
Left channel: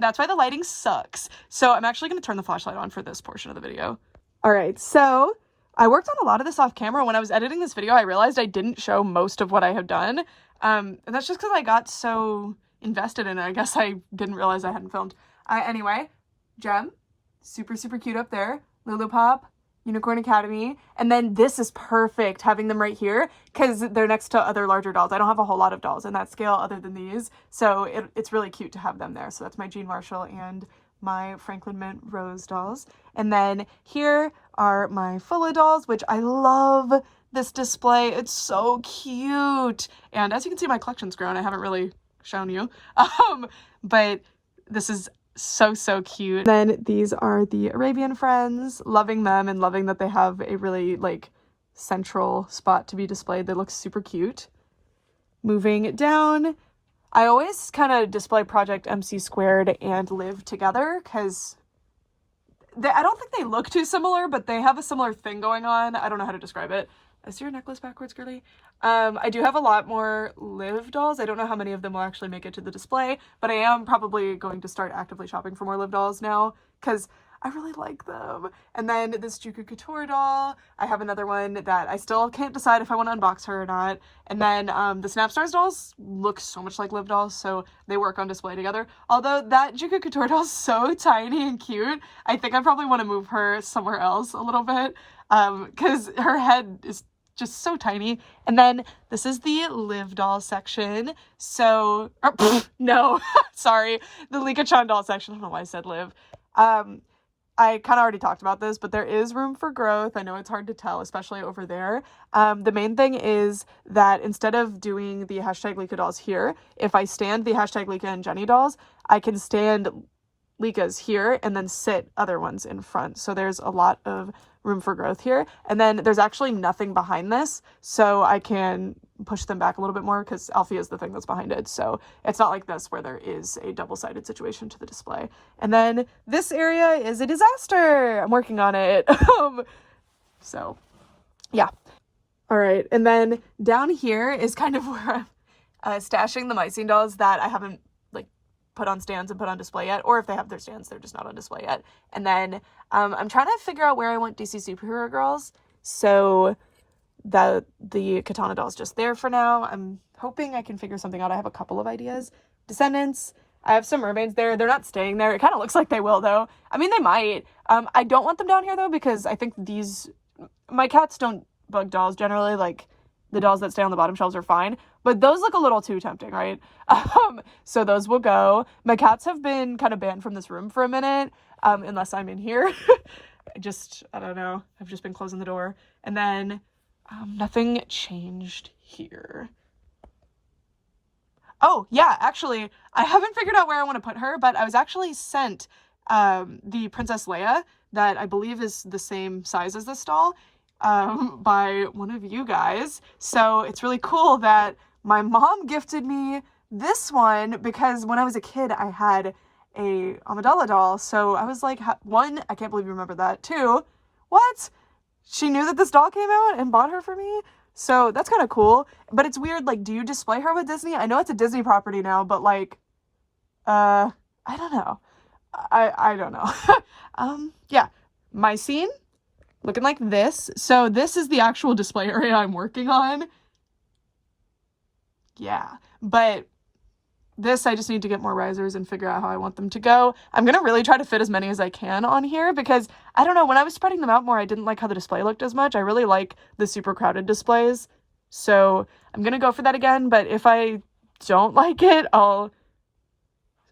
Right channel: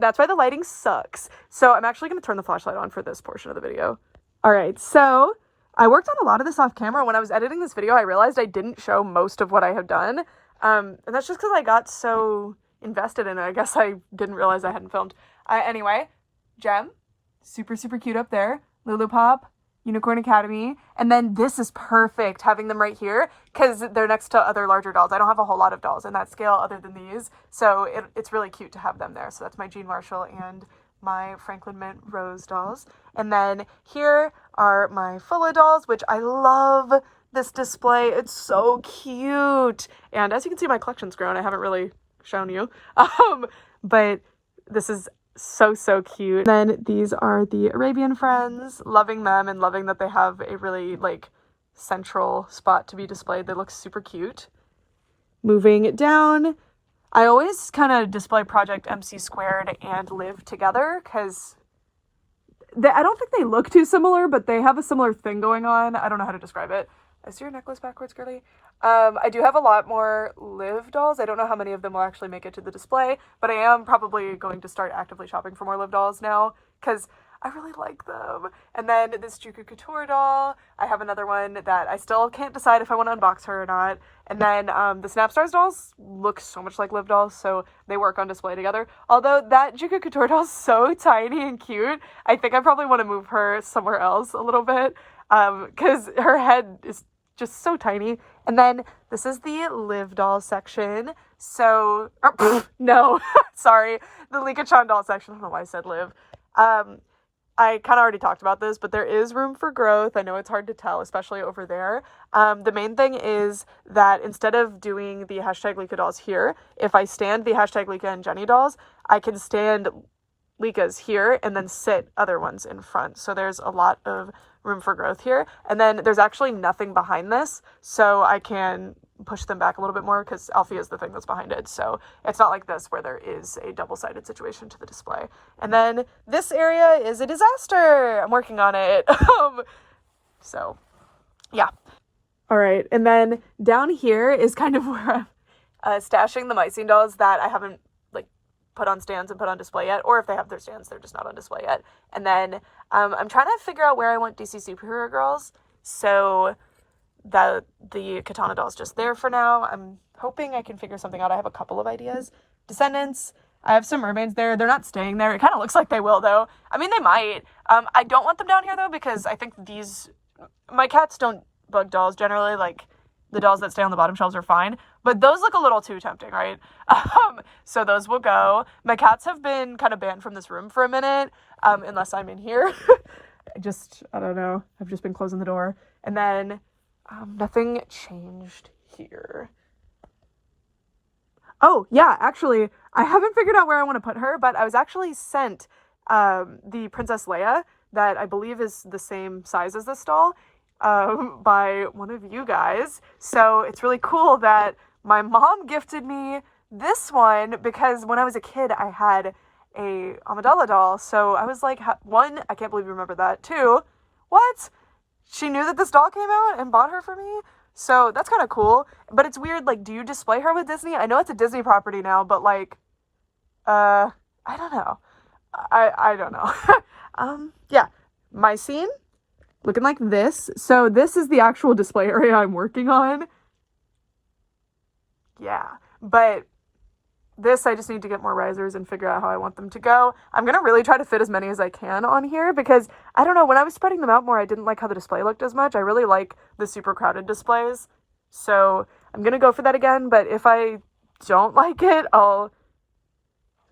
that's why the lighting sucks. So I'm actually going to turn the flashlight on for this portion of the video. All right, so I worked on a lot of this off camera. When I was editing this video, I realized I didn't show most of what I have done. And that's just because I got so invested in it. I guess I didn't realize I hadn't filmed. Anyway, Gem, super, super cute up there. Lulu Pop, Unicorn Academy. And then this is perfect, having them right here, because they're next to other larger dolls. I don't have a whole lot of dolls in that scale other than these, so it's really cute to have them there. So that's my Jean Marshall and my Franklin Mint Rose dolls. And then here are my Fulla dolls, which I love this display. It's so cute. And as you can see, my collection's grown. I haven't really shown you, but this is so cute. Then these are the Arabian Friends, loving them and loving that they have a really like central spot to be displayed. They look super cute. Moving down, I always kind of display Project MC Squared and Live together because I don't think they look too similar, but they have a similar thing going on. I don't know how to describe it. Is your necklace backwards, girly? I do have a lot more Liv dolls. I don't know how many of them will actually make it to the display, but I am probably going to start actively shopping for more Liv dolls now because I really like them. And then this Juku Couture doll. I have another one that I still can't decide if I want to unbox her or not. And then the Snapstars dolls look so much like Liv dolls, so they work on display together. Although that Juku Couture doll is so tiny and cute, I think I probably want to move her somewhere else a little bit because her head is just so tiny. And then this is the Liv doll section. So, no, sorry, the Lika-chan doll section. I don't know why I said Liv. I kind of already talked about this, but there is room for growth. I know it's hard to tell, especially over there. The main thing is that instead of doing the hashtag Lika dolls here, if I stand the hashtag Lika and Jenny dolls, I can stand Lika's here and then sit other ones in front. So there's a lot of room for growth here. And then there's actually nothing behind this, so I can push them back a little bit more because Alfie is the thing that's behind it. So it's not like this where there is a double-sided situation to the display. And then this area is a disaster. I'm working on it. So yeah. All right. And then down here is kind of where I'm stashing the Mycene dolls that I haven't put on stands and put on display yet, or if they have their stands, they're just not on display yet. And then I'm trying to figure out where I want DC Superhero Girls, so that the Katana doll is just there for now. I'm hoping I can figure something out. I have a couple of ideas, Descendants. I have some mermaids there. They're not staying there. It kind of looks like they will, though. I mean, they might. I don't want them down here, though, because I think my cats don't bug dolls generally. Like, the dolls that stay on the bottom shelves are fine. But those look a little too tempting, right? So those will go. My cats have been kind of banned from this room for a minute, unless I'm in here. I don't know. I've just been closing the door. And then nothing changed here. Oh, yeah, actually, I haven't figured out where I want to put her, but I was actually sent the Princess Leia that I believe is the same size as this doll by one of you guys. So it's really cool that my mom gifted me this one because when I was a kid, I had a Amidala doll. So I was like, one, I can't believe you remember that. Two, what? She knew that this doll came out and bought her for me? So that's kind of cool. But it's weird, like, do you display her with Disney? I know it's a Disney property now, but like, I don't know. I don't know. Yeah, my scene looking like this. So this is the actual display area I'm working on. Yeah, but this, I just need to get more risers and figure out how I want them to go. I'm gonna really try to fit as many as I can on here because, I don't know, when I was spreading them out more, I didn't like how the display looked as much. I really like the super crowded displays. So I'm gonna go for that again, but if I don't like it, I'll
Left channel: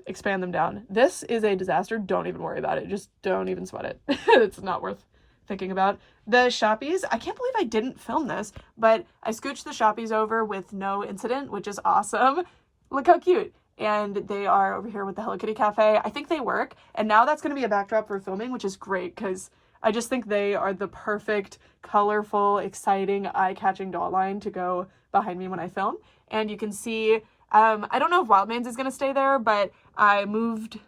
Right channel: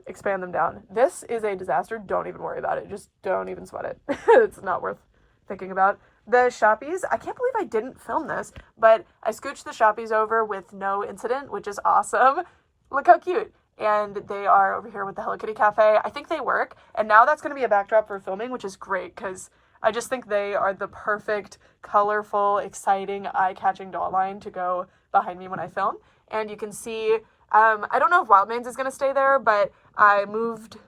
expand them down. This is a disaster. Don't even worry about it. Just don't even sweat it. It's not worth thinking about. The Shoppies, I can't believe I didn't film this, but I scooched the Shoppies over with no incident, which is awesome. Look how cute. And they are over here with the Hello Kitty Cafe. I think they work. And now that's going to be a backdrop for filming, which is great because I just think they are the perfect, colorful, exciting, eye-catching doll line to go behind me when I film. And you can see, I don't know if Wildman's is going to stay there, but I moved...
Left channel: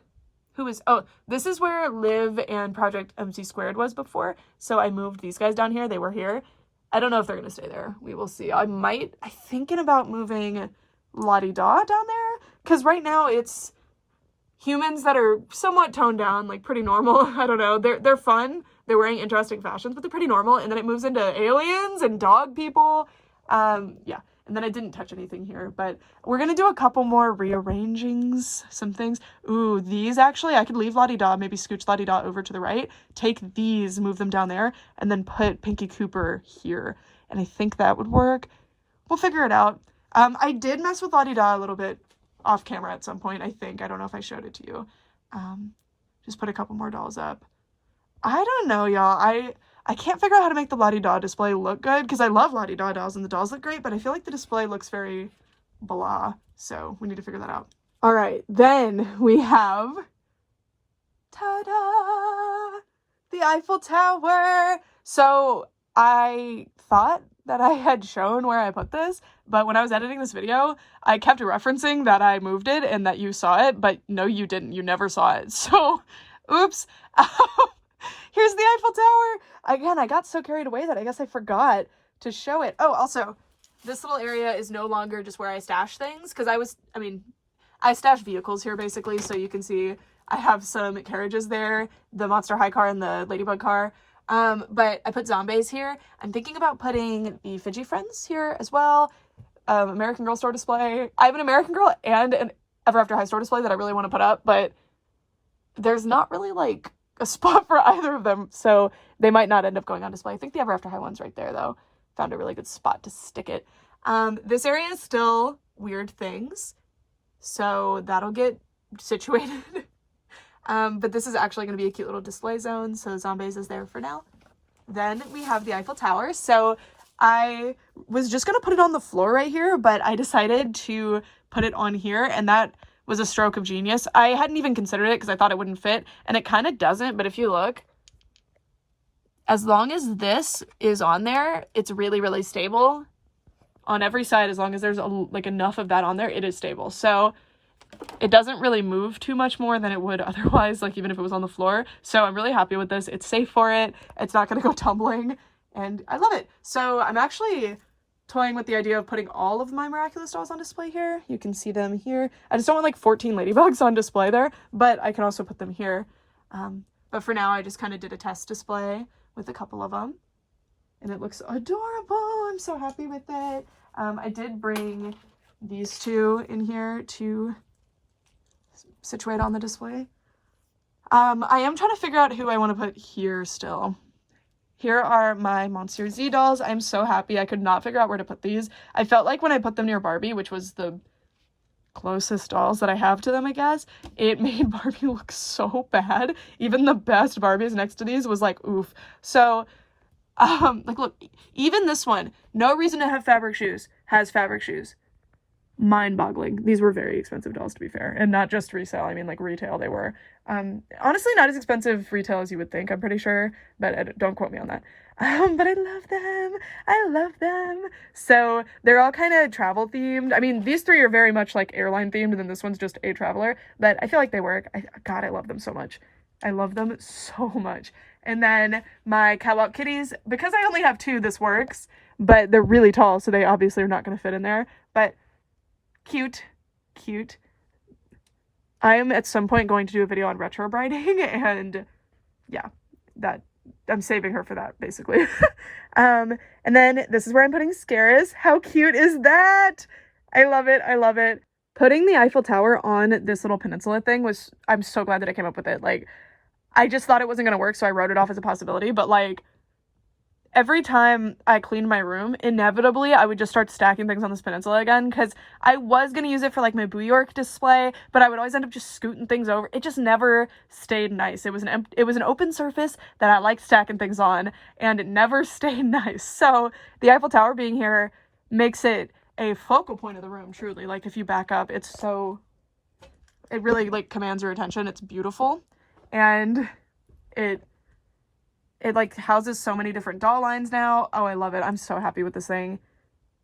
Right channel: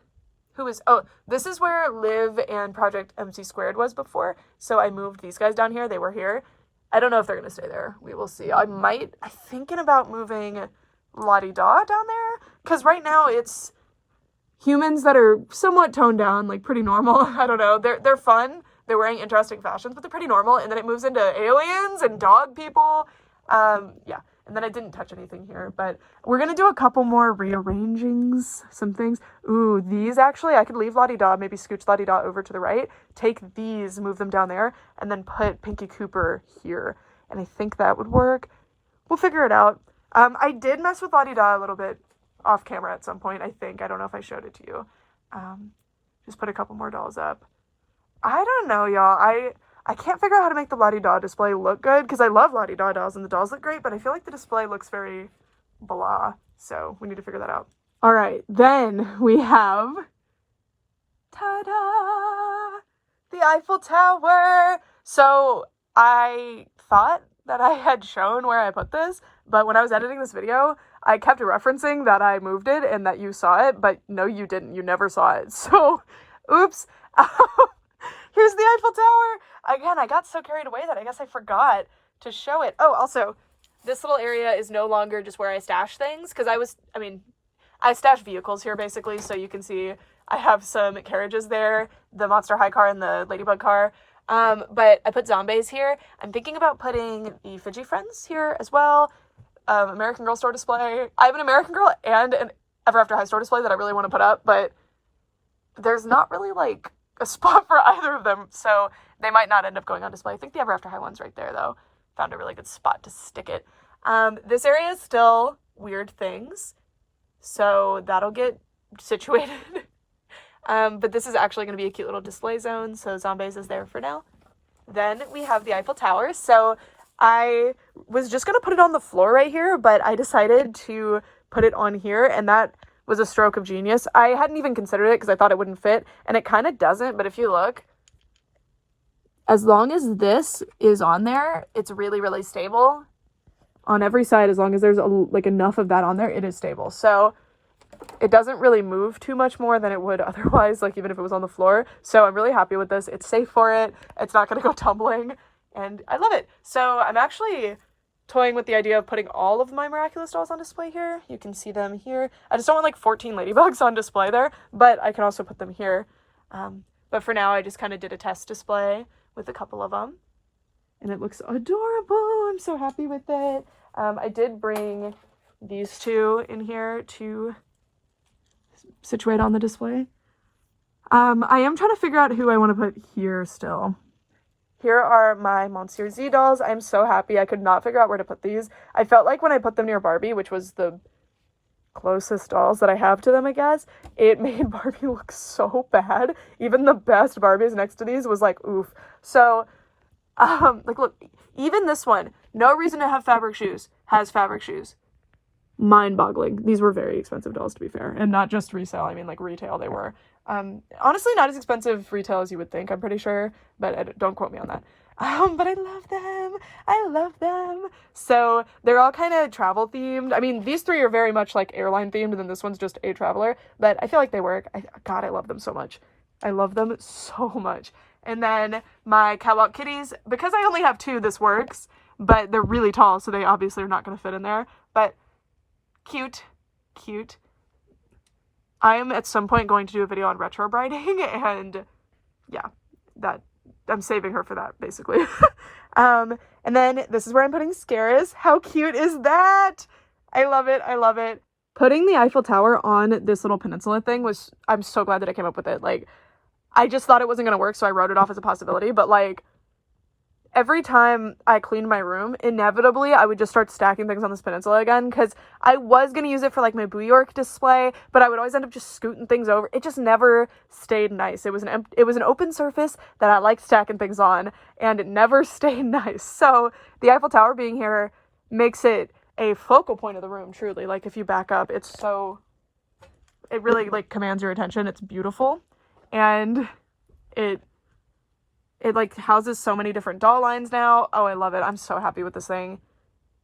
this is where Liv and Project MC Squared was before. So I moved these guys down here. They were here. I don't know if they're going to stay there. We will see. I'm thinking about moving La-di-da down there. Because right now it's humans that are somewhat toned down, like pretty normal. I don't know. They're fun. They're wearing interesting fashions, but they're pretty normal. And then it moves into aliens and dog people. Yeah. And then I didn't touch anything here, but we're going to do a couple more rearrangings, some things. Ooh, these actually, I could leave La-di-da, maybe scooch La-di-da over to the right, take these, move them down there, and then put Pinky Cooper here. And I think that would work. We'll figure it out. I did mess with La-di-da a little bit off camera at some point, I think. I don't know if I showed it to you. Just put a couple more dolls up. I don't know, y'all. I can't figure out how to make the La-di-da display look good because I love La-di-da dolls and the dolls look great, but I feel like the display looks very blah. So we need to figure that out. All right, then we have, ta-da, the Eiffel Tower. So I thought that I had shown where I put this, but when I was editing this video, I kept referencing that I moved it and that you saw it, but no, you didn't. You never saw it. So, oops. Here's the Eiffel Tower. Again, I got so carried away that I guess I forgot to show it. Oh, also, this little area is no longer just where I stash things, because I stash vehicles here, basically, so you can see I have some carriages there, the Monster High car and the Ladybug car. But I put zombies here. I'm thinking about putting the Fidgy Friends here as well. American Girl store display. I have an American Girl and an Ever After High store display that I really want to put up, but there's not really, like, a spot for either of them, so they might not end up going on display. I think the Ever After High one's right there, though. Found a really good spot to stick it. This area is still weird things, so that'll get situated. But this is actually going to be a cute little display zone, so Zombies is there for now. Then we have the Eiffel Tower. So I was just going to put it on the floor right here, but I decided to put it on here, and that was a stroke of genius. I hadn't even considered it because I thought it wouldn't fit, and it kind of doesn't, but if you look, as long as this is on there, it's really, really stable. On every side, as long as there's like enough of that on there, it is stable. So it doesn't really move too much more than it would otherwise, like even if it was on the floor. So I'm really happy with this. It's safe for it. It's not going to go tumbling, and I love it. So I'm actually toying with the idea of putting all of my Miraculous dolls on display here. You can see them here. I just don't want like 14 ladybugs on display there, but I can also put them here. But for now, I just kind of did a test display with a couple of them, and it looks adorable. I'm so happy with it. I did bring these two in here to situate on the display. I am trying to figure out who I want to put here still. Here are my Monsieur Z dolls. I'm so happy. I could not figure out where to put these. I felt like when I put them near Barbie, which was the closest dolls that I have to them, I guess, it made Barbie look so bad. Even the best Barbies next to these was like, oof. So, like, look, even this one, no reason to have fabric shoes, has fabric shoes. Mind-boggling. These were very expensive dolls, to be fair, and not just resale. I mean, like, retail they were. Honestly, not as expensive retail as you would think, I'm pretty sure, but don't quote me on that. But I love them. I love them. So they're all kind of travel themed. I mean, these three are very much like airline themed, and then this one's just a traveler, but I feel like they work. God, I love them so much. I love them so much. And then my catwalk kitties, because I only have two, this works, but they're really tall, so they obviously are not going to fit in there, but cute, cute. I am at some point going to do a video on retro briding, and yeah, that I'm saving her for that, basically. And then this is where I'm putting Scaris. How cute is that? I love it. I love it. Putting the Eiffel Tower on this little peninsula thing was, I'm so glad that I came up with it. Like, I just thought it wasn't going to work, so I wrote it off as a possibility, but like, every time I cleaned my room, inevitably I would just start stacking things on this peninsula again, because I was going to use it for like my New York display, but I would always end up just scooting things over. It just never stayed nice. It was an open surface that I like stacking things on, and it never stayed nice. So the Eiffel Tower being here makes it a focal point of the room, truly. Like, if you back up, it really like commands your attention. It's beautiful, and it like houses so many different doll lines now. Oh, I love it. I'm so happy with this thing.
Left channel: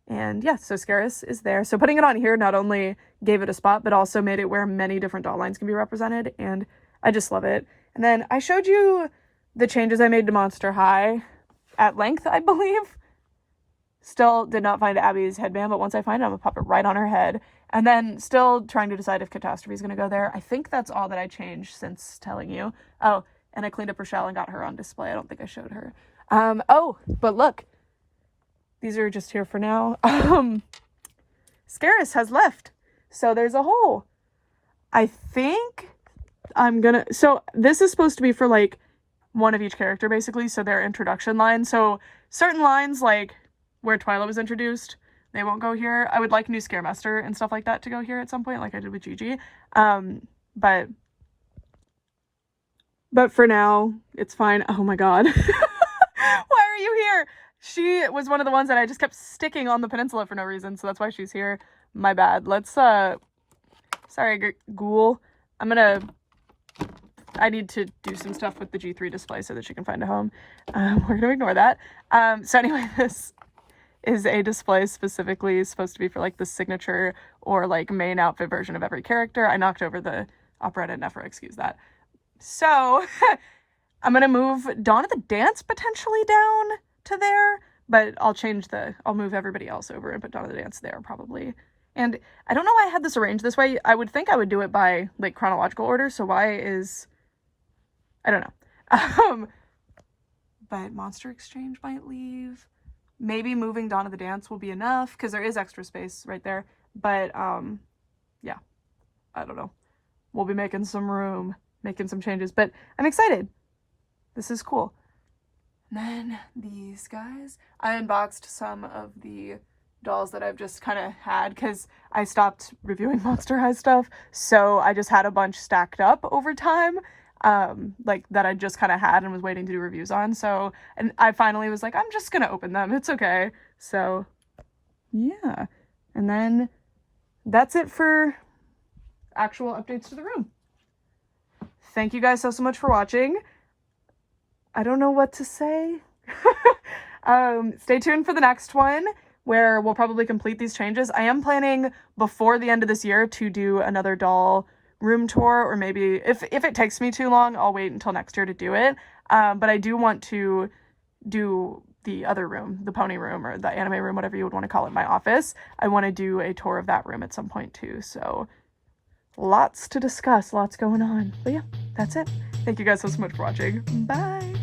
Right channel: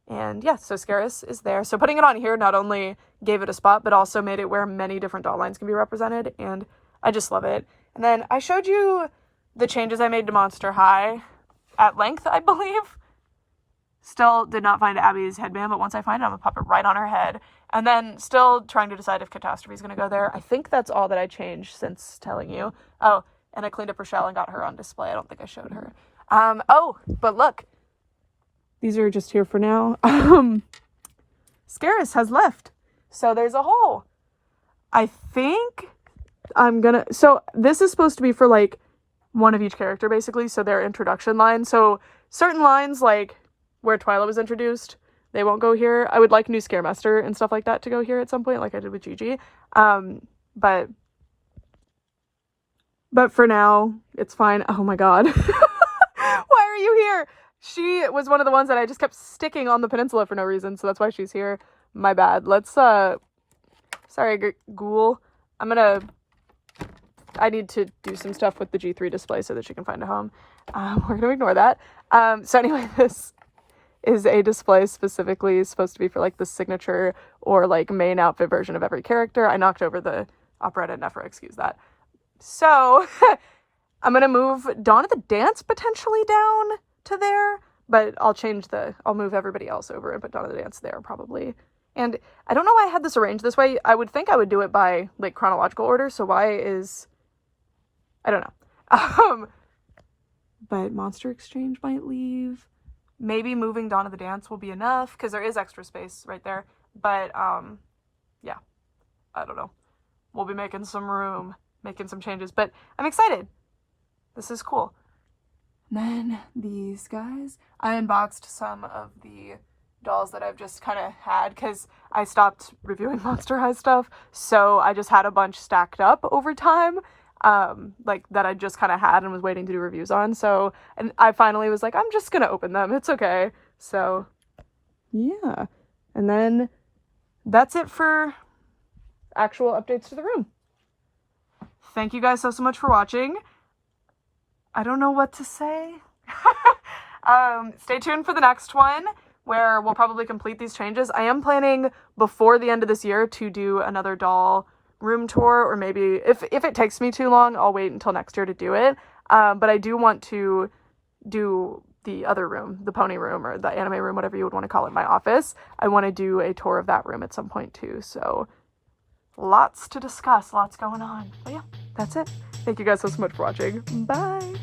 And yeah, so Scaris is there. So putting it on here not only gave it a spot, but also made it where many different doll lines can be represented. And I just love it. And then I showed you the changes I made to Monster High at length, I believe. Still did not find Abby's headband, but once I find it, I'm gonna pop it right on her head. And then still trying to decide if Catastrophe is gonna go there. I think that's all that I changed since telling you. Oh, and I cleaned up Rochelle and got her on display. I don't think I showed her. Oh, but look. These are just here for now. Scaris has left. So there's a hole. I think so this is supposed to be for like one of each character, basically. So their introduction line. So certain lines, like where Twyla was introduced, they won't go here. I would like new Scaremaster and stuff like that to go here at some point, like I did with Gigi. But for now, it's fine. Oh my god. Why are you here? She was one of the ones that I just kept sticking on the peninsula for no reason, so that's why she's here. My bad. Let's, sorry, ghoul. I need to do some stuff with the G3 display so that she can find a home. We're gonna ignore that. So anyway, this is a display specifically supposed to be for, like, the signature or, like, main outfit version of every character. I knocked over the operetta Nephra, excuse that. So, I'm gonna move Dawn of the Dance potentially down to there, but I'll move everybody else over and put Dawn of the Dance there, probably. And I don't know why I had this arranged this way. I would think I would do it by, like, chronological order, so I don't know. But Monster Exchange might leave. Maybe moving Dawn of the Dance will be enough, because there is extra space right there. But, yeah. I don't know. We'll be making some room. Making some changes, but I'm excited. This is cool. And then these guys, I unboxed some of the dolls that I've just kind of had because I stopped reviewing Monster High stuff, so I just had a bunch stacked up over time, like that I just kind of had and was waiting to do reviews on. So, and I finally was like, I'm just gonna open them, it's okay. So yeah, and then that's it for actual updates to the room. Thank you guys so much for watching. I don't know what to say. Stay tuned for the next one where we'll probably complete these changes. I am planning before the end of this year to do another doll room tour, or maybe if it takes me too long, I'll wait until next year to do it. But I do want to do the other room, the pony room or the anime room, whatever you would want to call it, my office. I want to do a tour of that room at some point too. So lots to discuss, lots going on. But yeah, that's it. Thank you guys so much for watching. Bye!